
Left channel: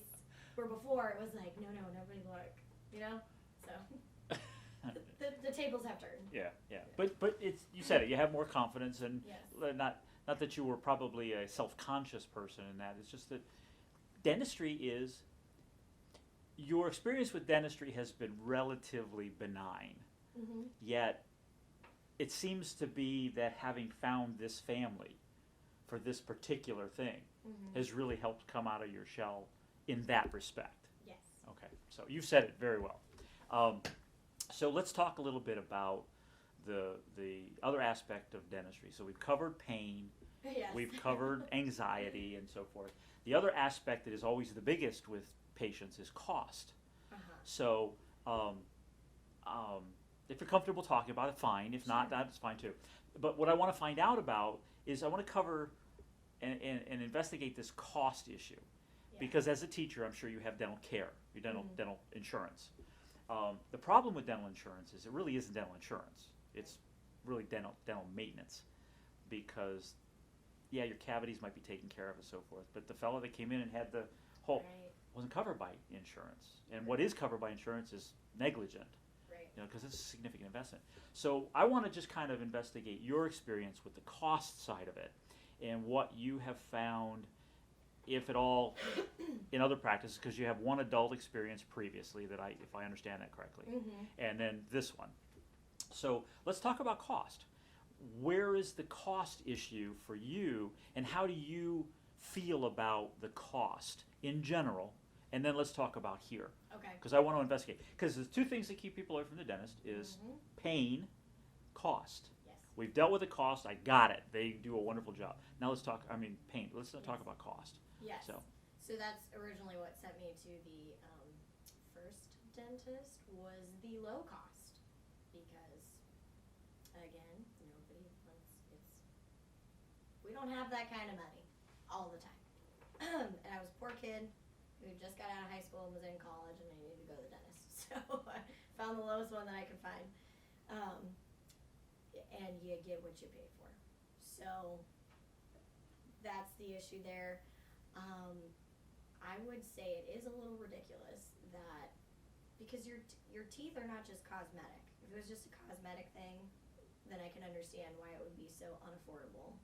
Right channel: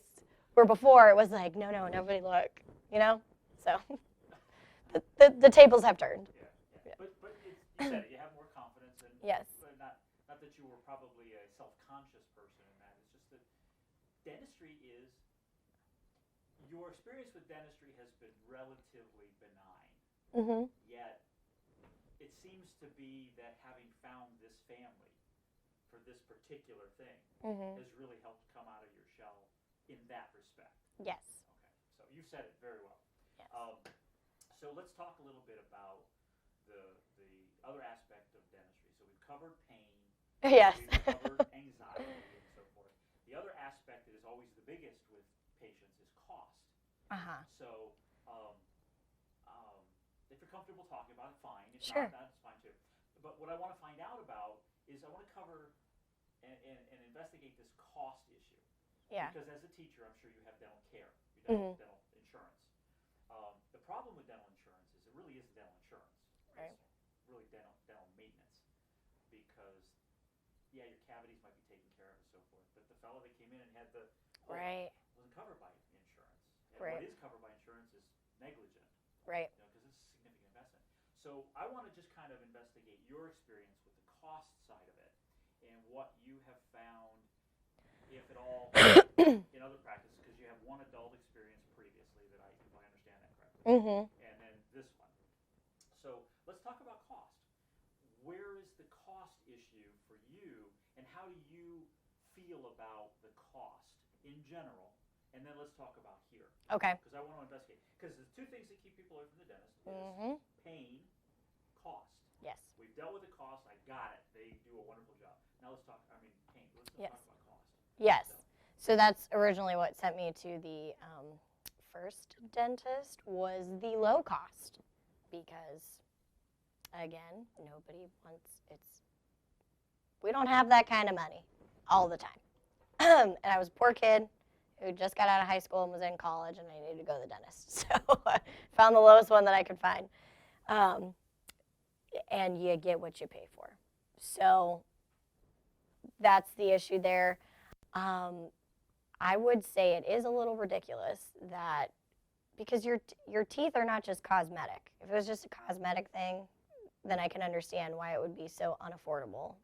where before it was like, no, nobody look, you know? So the tables have turned. Yeah. But it's, you said it, you have more confidence, and yes. Not that you were probably a self-conscious person in that. It's just that dentistry is, your experience with dentistry has been relatively benign. Mm-hmm. Yet it seems to be that having found this family for this particular thing Mm-hmm. has really helped come out of your shell in that respect. Yes. Okay, so you said it very well. So let's talk a little bit about the other aspect of dentistry. So we've covered pain, Yes. we've covered anxiety and so forth. The other aspect that is always the biggest with patients is cost. Uh-huh. So if you're comfortable talking about it, fine. If Sure. not, that's fine too. But what I want to find out about is I want to cover and investigate this cost issue. Yeah. Because as a teacher, I'm sure you have dental care, your dental insurance. The problem with dental insurance is it really isn't dental insurance. It's really dental maintenance, because your cavities might be taken care of and so forth, but the fellow that came in and had the hole wasn't covered by insurance. And what is covered by insurance is negligent. Right. Because it's a significant investment. So I want to just kind of investigate your experience with the cost side of it, and what you have found, if at all, in other practices, because you have one adult experience previously if I understand that correctly, and then this one. So let's talk about cost. Where is the cost issue for you, and how do you feel about the cost in general? And then let's talk about here. Okay. Because I want to investigate. Because there's two things that keep people away from the dentist is pain, cost. Yes. We've dealt with the cost. I got it. They do a wonderful job. Now let's talk, pain. Let's talk about cost. Yes. So that's originally what sent me to the first dentist, was the low cost. Because, again, we don't have that kind of money all the time. And I was a poor kid who just got out of high school and was in college, and I needed to go to the dentist. So I found the lowest one that I could find. And you get what you pay for. So that's the issue there. I would say it is a little ridiculous that, because your teeth are not just cosmetic. If it was just a cosmetic thing, then I can understand why it would be so unaffordable.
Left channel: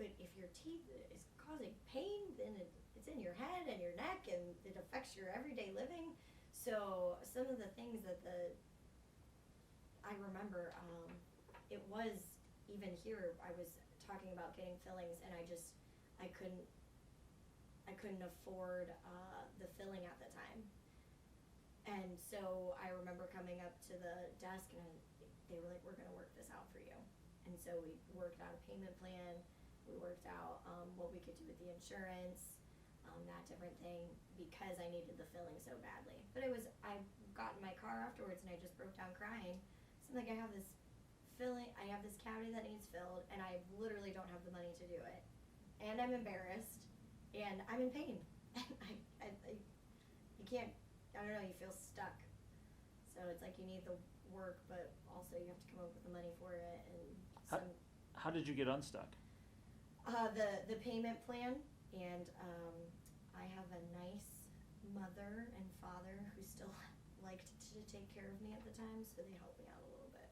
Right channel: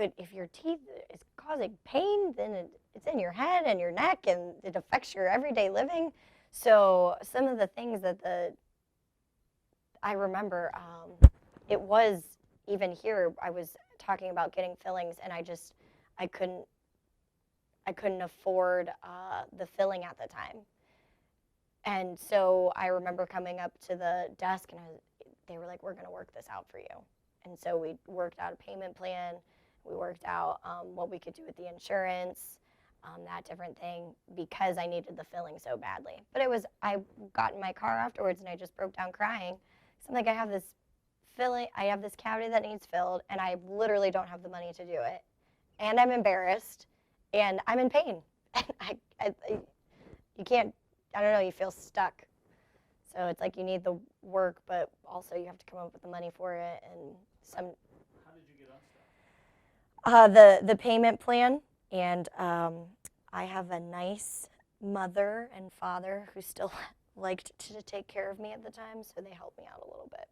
but if your teeth is causing pain, then it's in your head and your neck, and it affects your everyday living. So some of the things that I remember, it was even here. I was talking about getting fillings, and I couldn't afford the filling at the time. And so I remember coming up to the desk, and they were like, "We're going to work this out for you." And so we worked out a payment plan. We worked out what we could do with the insurance, that different thing, because I needed the filling so badly. But I got in my car afterwards, and I just broke down crying. So I'm like, I have this cavity that needs filled, and I literally don't have the money to do it. And I'm embarrassed, and I'm in pain. You can't, I don't know, you feel stuck. So it's like you need the work, but also you have to come up with the money for it. And How did you get unstuck? The payment plan, and I have a nice mother and father who still liked to take care of me at the time, so they helped me out a little bit.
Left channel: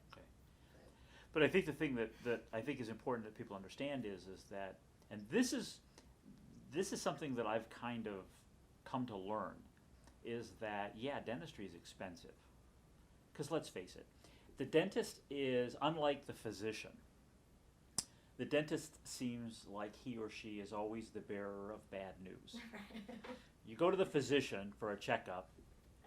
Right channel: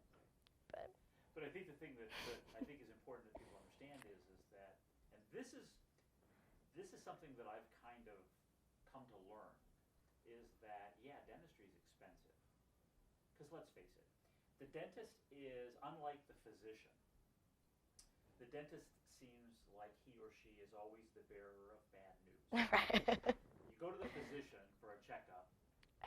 Okay. But I think the thing that I think is important that people understand is that, and this is something that I've kind of come to learn, is that, dentistry is expensive. Because let's face it, the dentist is unlike the physician. The dentist seems like he or she is always the bearer of bad news. Right. You go to the physician for a checkup.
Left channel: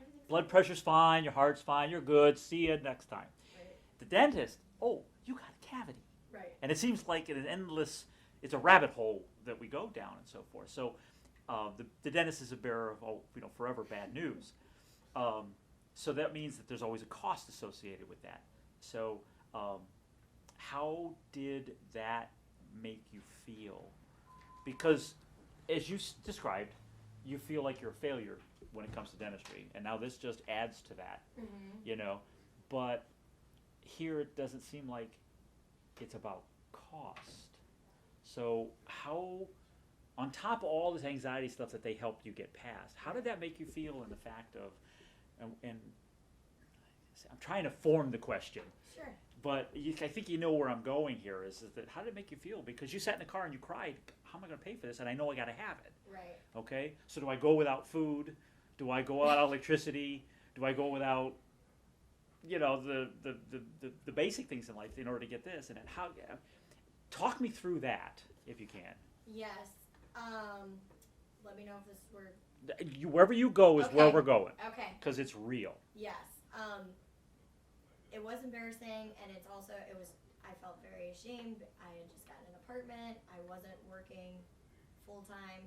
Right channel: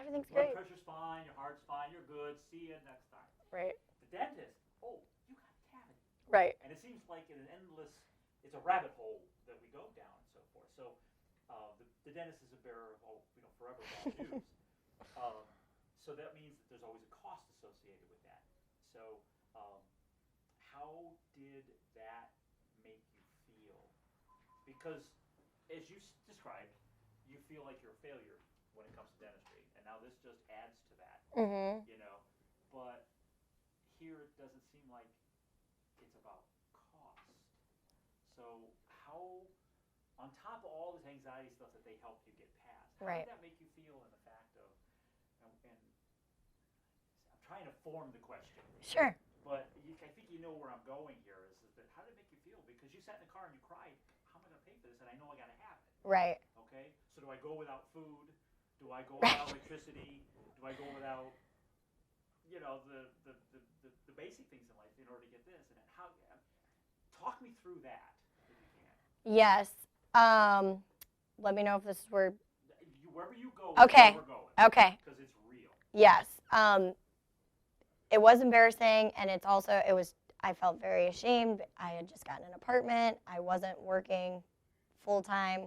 Everything's Blood great. pressure's fine, your heart's fine, you're good, see you next time. Right. The dentist, you got a cavity. Right. And it seems like it's a rabbit hole that we go down and so forth. So the dentist is a bearer of, forever bad news. So that means that there's always a cost associated with that. So how did that make you feel? Because as you described, you feel like you're a failure when it comes to dentistry, and now this just adds to that. Mm-hmm. But here it doesn't seem like it's about cost. So how, on top of all this anxiety stuff that they helped you get past, how did that make you feel in the fact of, and I'm trying to form the question. Sure. But I think you know where I'm going here is that how did it make you feel? Because you sat in the car and you cried, how am I going to pay for this? And I know I got to have it. Right. Okay? So do I go without food? Do I go without electricity? Do I go without, the basic things in life in order to get this? And how? Talk me through that, if you can. Yes. Let me know if this is where. Wherever you go is where we're going. Okay. Because it's real. Yes. It was embarrassing, and I felt very ashamed. I had just gotten an apartment. I wasn't working full time,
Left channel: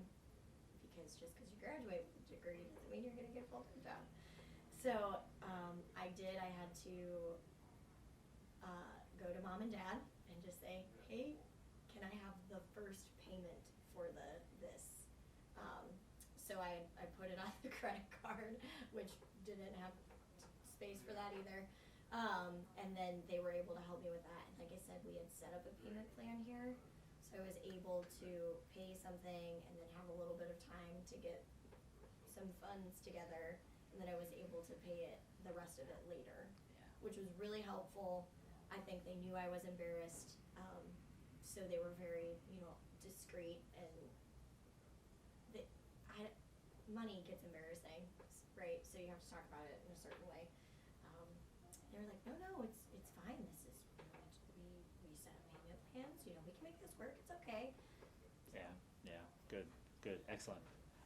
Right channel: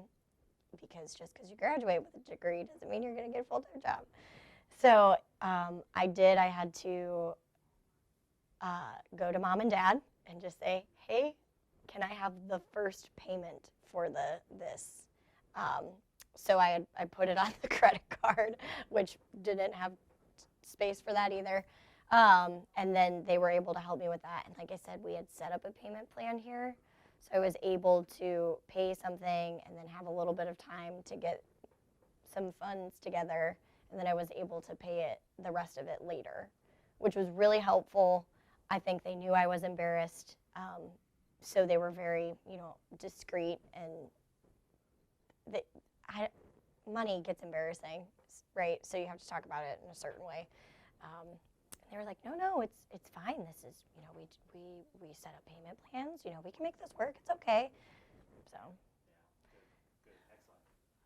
because just because you graduate with a degree doesn't mean you're going to get a full-time job. So I had to go to mom and dad and just say, hey, can I have the first payment for this? So I put it on the credit card, which didn't have space for that either. And then they were able to help me with that. And like I said, we had set up a payment plan here. So I was able to pay something and then have a little bit of time to get some funds together. And then I was able to pay the rest of it later, which was really helpful. I think they knew I was embarrassed. So they were very, discreet, and money gets embarrassing, right? So you have to talk about it in a certain way. They were like, no, it's fine. This is, we set up payment plans. We can make this work. It's okay. So. Yeah, good, excellent.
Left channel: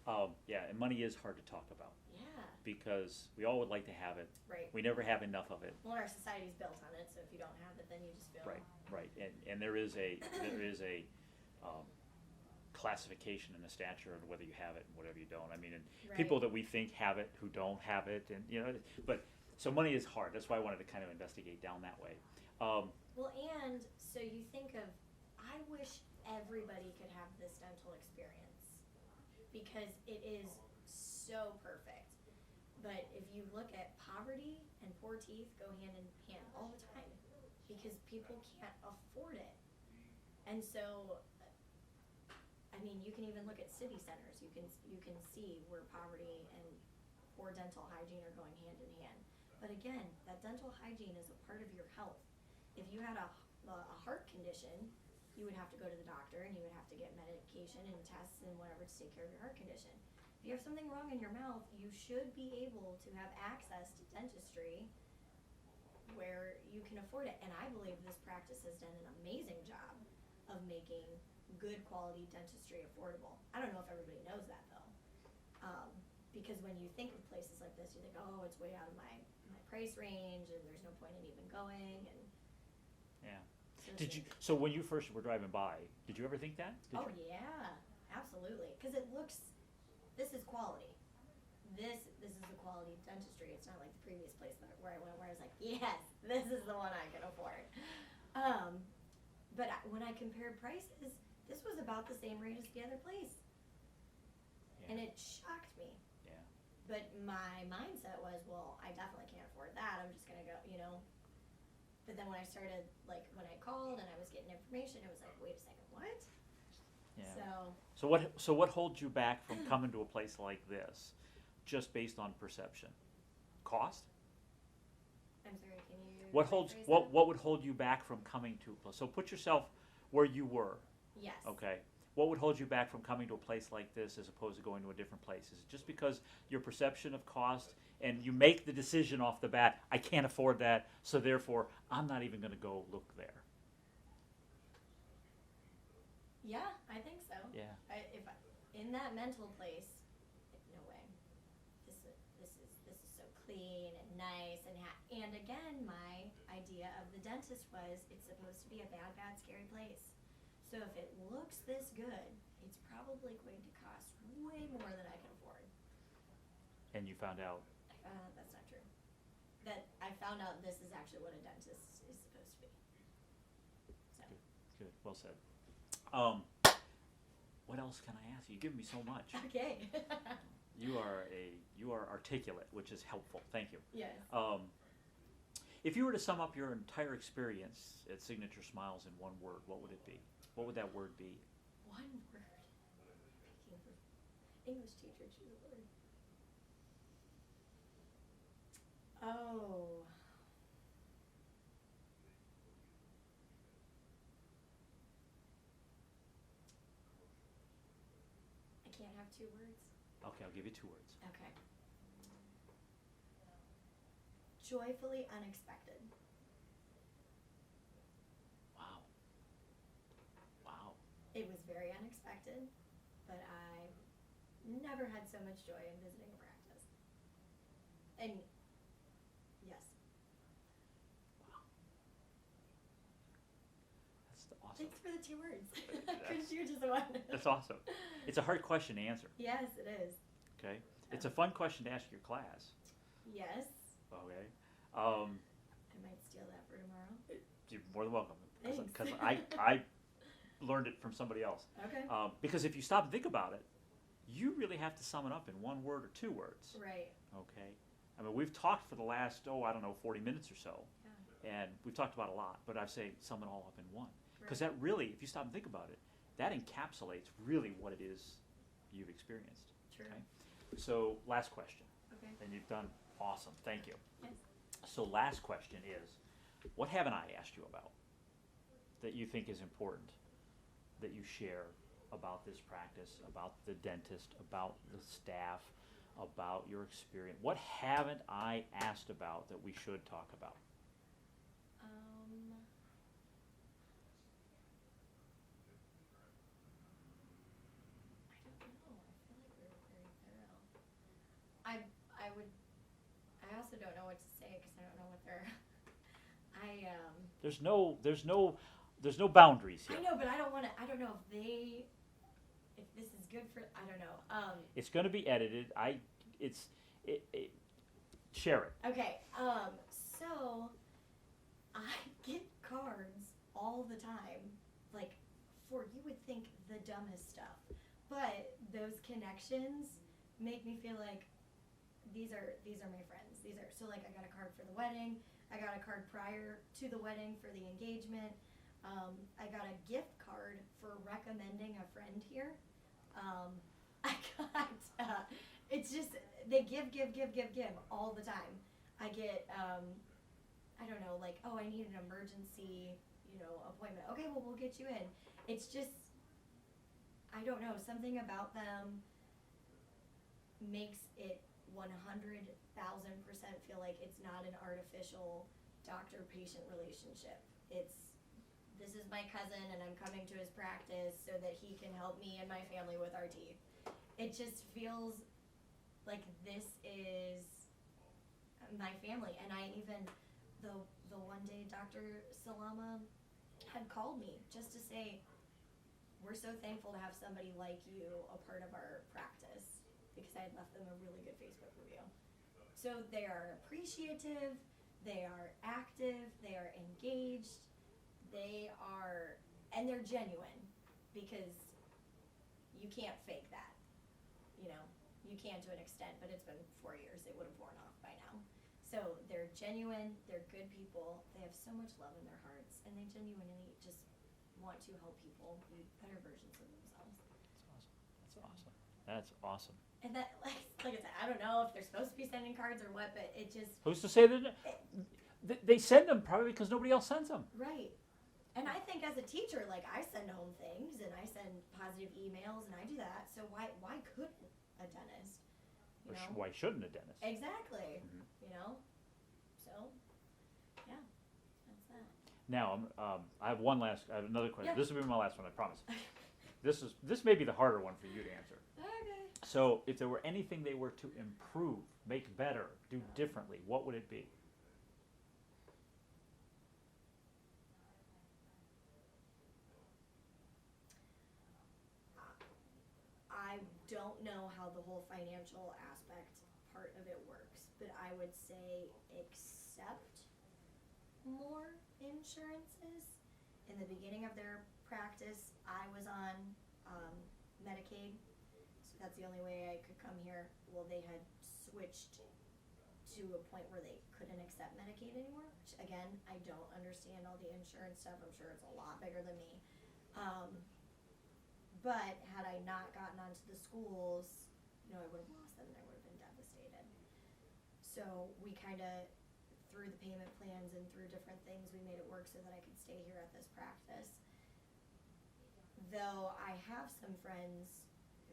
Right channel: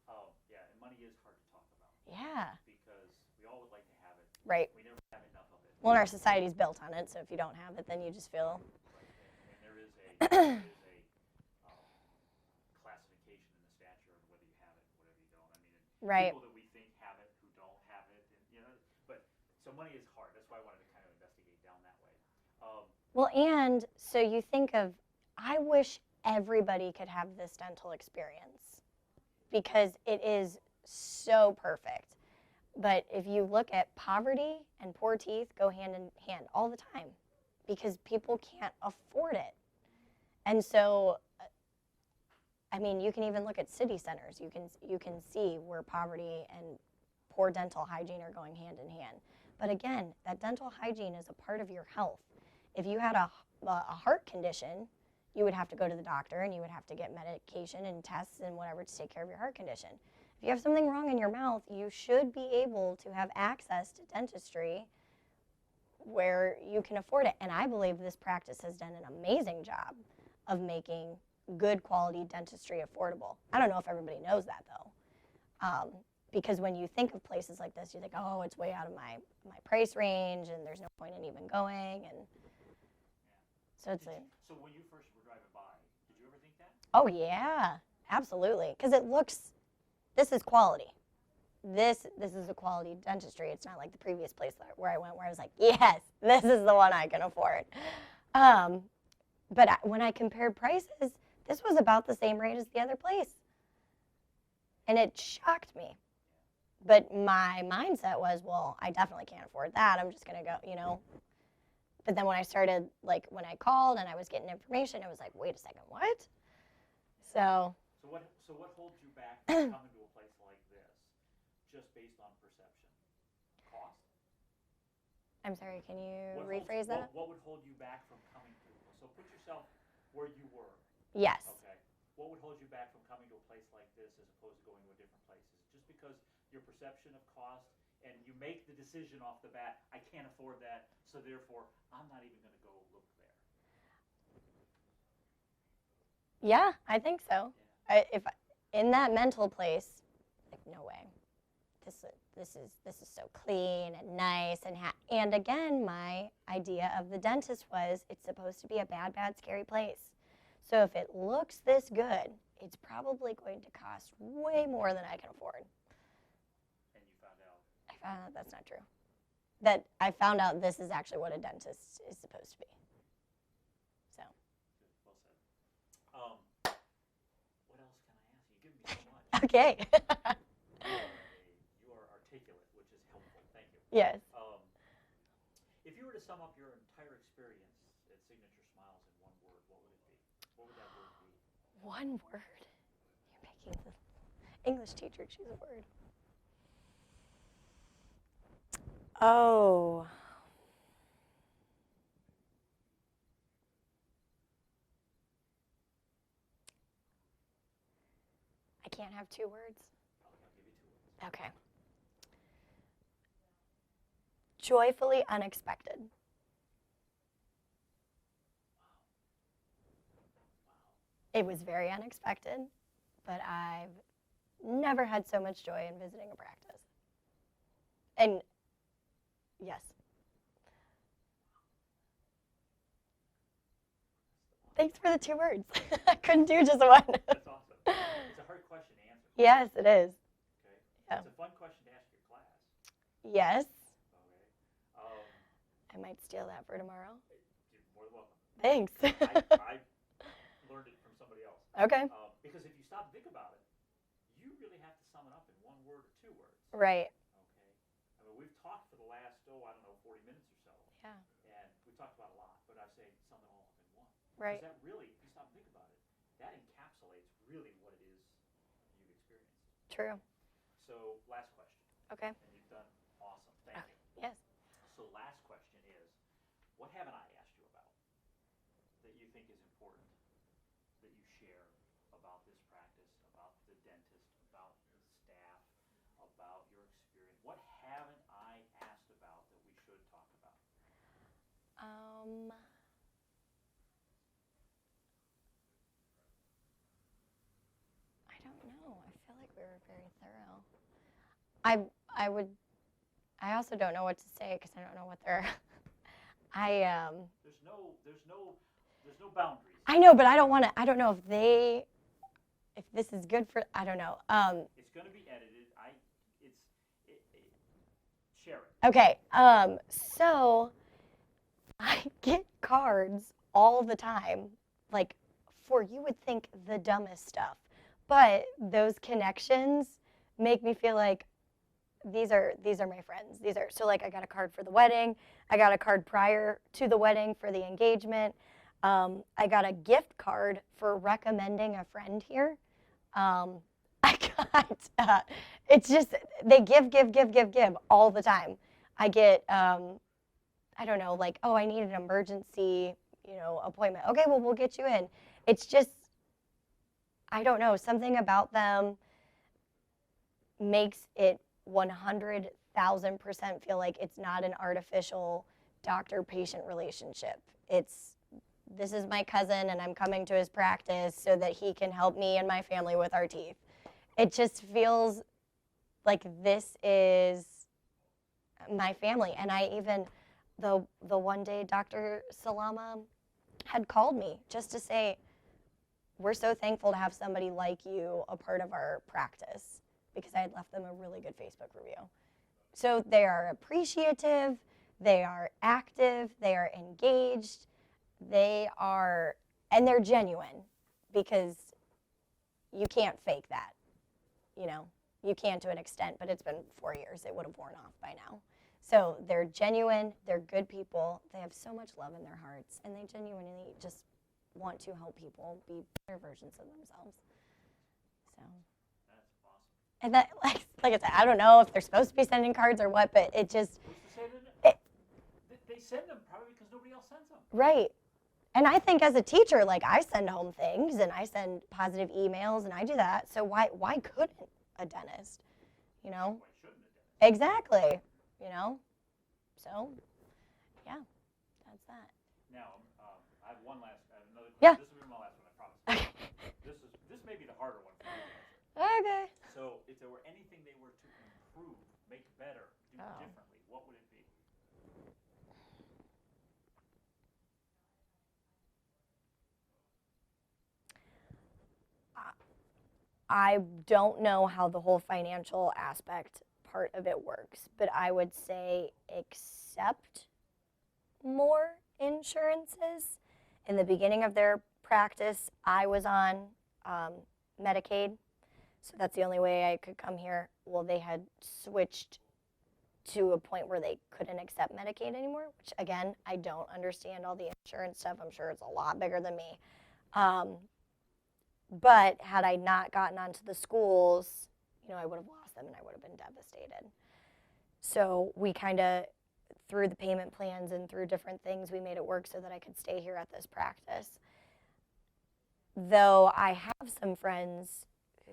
And money is hard to talk about. Yeah. Because we all would like to have it. Right. We never have enough of it. Well, our society's built on it, so if you don't have it, then you just feel. Right. And there is a classification in the stature of whether you have it and whatever you don't. I mean, and people that we think have it who don't have it, and but so money is hard. That's why I wanted to kind of investigate down that way. Well, and so you think of, I wish everybody could have this dental experience, because it is so perfect. But if you look at poverty and poor teeth go hand in hand all the time, because people can't afford it. And so, I mean, you can even look at city centers. You can see where poverty and poor dental hygiene are going hand in hand. But again, that dental hygiene is a part of your health. If you had a heart condition, you would have to go to the doctor and you would have to get medication and tests and whatever to take care of your heart condition. If you have something wrong in your mouth, you should be able to have access to dentistry where you can afford it. And I believe this practice has done an amazing job of making good quality dentistry affordable. I don't know if everybody knows that though. Because when you think of places like this, you think, oh, it's way out of my price range and there's no point in even going. And yeah. So when you first were driving by, did you ever think that? Oh yeah, absolutely. Because it looks, this is quality. This is the quality dentistry. It's not like the previous place where I went where I was like, yes, this is the one I can afford. But when I compared prices, this was about the same rate as the other place. Yeah. And it shocked me. Yeah. But my mindset was, well, I definitely can't afford that. I'm just going to go, But then when I started, like when I called and I was getting information, it was like, wait a second, what? Yeah. So So what holds you back from coming to a place like this, just based on perception? Cost? I'm sorry, can you rephrase that? What would hold you back from coming to a place? So put yourself where you were. Yes. Okay. What would hold you back from coming to a place like this as opposed to going to a different place? Is it just because your perception of cost and you make the decision off the bat, I can't afford that, so therefore I'm not even going to go look there? Yeah, I think so. Yeah. If in that mental place, like no way. This is so clean and nice and again, my idea of the dentist was it's supposed to be a bad, scary place. So if it looks this good, it's probably going to cost way more than I can afford. And you found out? I found out that's not true. That I found out this is actually what a dentist is supposed to be. So. Good. Well said. What else can I ask you? You give me so much. Okay. You are articulate, which is helpful. Thank you. Yes. If you were to sum up your entire experience at Signature Smiles in one word, what would it be? What would that word be? One word. You're making the English teacher choose a word. Oh. I can't have two words. Okay, I'll give you two words. Okay. Joyfully unexpected. Wow. Wow. It was very unexpected, but I've never had so much joy in visiting a practice. And yes. Wow. That's awesome. Thanks for the two words. I couldn't do just one. That's awesome. It's a hard question to answer. Yes, it is. Okay. Oh. It's a fun question to ask your class. Yes. Okay. I might steal that for tomorrow. You're more than welcome. Thanks. 'Cause I learned it from somebody else. Okay. Because if you stop and think about it, you really have to sum it up in one word or two words. Right. Okay. I mean, we've talked for the last, 40 minutes or so. Yeah. And we've talked about a lot, but I say sum it all up in one. Right. Because that really, if you stop and think about it, that encapsulates really what it is you've experienced. True. Okay? So, last question. Okay. And you've done awesome. Thank you. Yes. So, last question is, what haven't I asked you about that you think is important that you share about this practice, about the dentist, about the staff, about your experience? What haven't I asked about that we should talk about? I don't know. I feel like we were very thorough. I also don't know what to say because I don't know what they're. There's no boundaries. I know, but I don't want to. I don't know if this is good for. I don't know. It's going to be edited. Share it. Okay. So I get cards all the time, like for you would think the dumbest stuff, but those connections make me feel like these are my friends. So like I got a card for the wedding. I got a card prior to the wedding for the engagement. I got a gift card for recommending a friend here. I got, it's just, they give all the time. I get, I don't know, like, oh, I need an emergency, appointment. Okay, well, we'll get you in. It's just, I don't know, something about them makes it 100,000% feel like it's not an artificial doctor-patient relationship. This is my cousin and I'm coming to his practice so that he can help me and my family with our teeth. It just feels like this is my family. And I even, the one day Dr. Salama had called me just to say, we're so thankful to have somebody like you a part of our practice, because I had left them a really good Facebook review. So they are appreciative, they are active, they are engaged, and they're genuine, because you can't fake that. You can to an extent, but it's been 4 years. It would have worn off by now. So they're genuine, they're good people, they have so much love in their hearts, and they genuinely just want to help people be better versions of themselves. That's awesome. And that, like I said, I don't know if they're supposed to be sending cards or what, but it just... Who's to say that? They send them probably because nobody else sends them. Right. And I think as a teacher, like, I send home things, and I send positive emails, and I do that. So why couldn't a dentist? Why shouldn't a dentist? Exactly. Mm-hmm. So, yeah, that's that. Now, I have another question. Yeah. This will be my last one, I promise. This may be the harder one for you to answer. Okay. So, if there were anything they were to improve, make better, do differently, what would it be? I don't know how the whole financial aspect part of it works, but I would say accept more insurances. In the beginning of their practice, I was on Medicaid, so that's the only way I could come here. Well, they had switched to a point where they couldn't accept Medicaid anymore, which, again, I don't understand all the insurance stuff. I'm sure it's a lot bigger than me. But had I not gotten onto the schools, I would have lost them and I would have been devastated. So we kind of, through the payment plans and through different things, we made it work so that I could stay here at this practice. Though I have some friends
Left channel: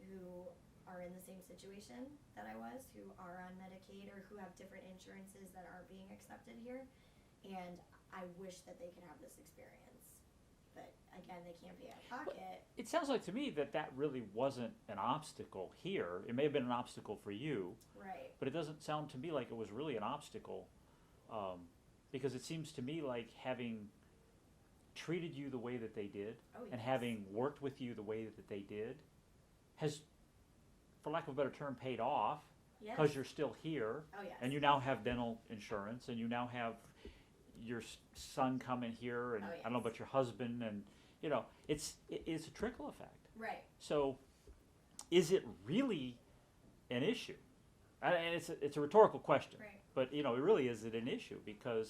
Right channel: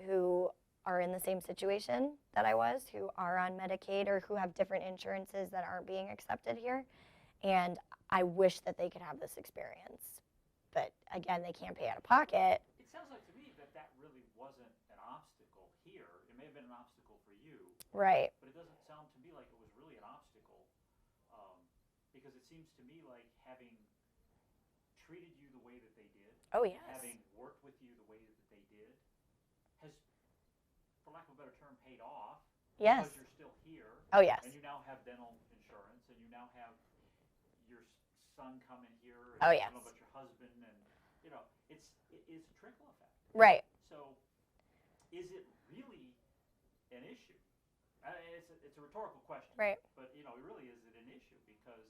who are in the same situation that I was, who are on Medicaid or who have different insurances that aren't being accepted here. And I wish that they could have this experience. But again, they can't pay out of pocket. It sounds like to me that really wasn't an obstacle here. It may have been an obstacle for you. Right. But it doesn't sound to me like it was really an obstacle, because it seems to me like having treated you the way that they did, yes. and having worked with you the way that they did, has, for lack of a better term, paid off. Yes. Because you're still here. Oh, yes. And you now have dental insurance, and you now have your son coming here, and yes. I don't know about your husband, and it's a trickle effect. Right. So, is it really an issue? And it's a rhetorical question. Right. But really, is it an issue? Because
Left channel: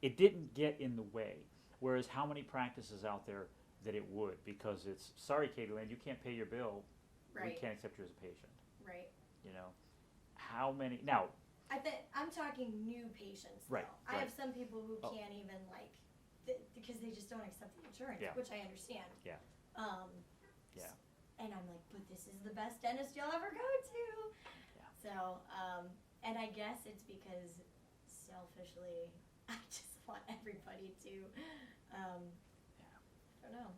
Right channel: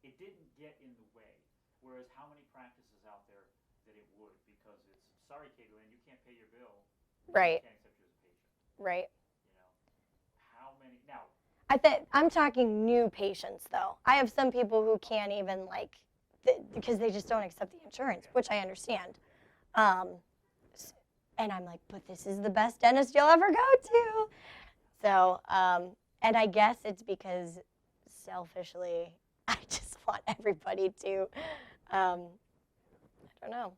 it didn't get in the way. Whereas, how many practices out there that it would? Because it's, sorry, Katylynn, you can't pay your bill. Right. We can't accept you as a patient. Right. How many now? I'm talking new patients, though. Right. I have some people who can't even, because they just don't accept the insurance, Yeah. which I understand. Yeah. And I'm like, but this is the best dentist you'll ever go to. Yeah. So, and I guess it's because selfishly, I just want everybody to, I don't know.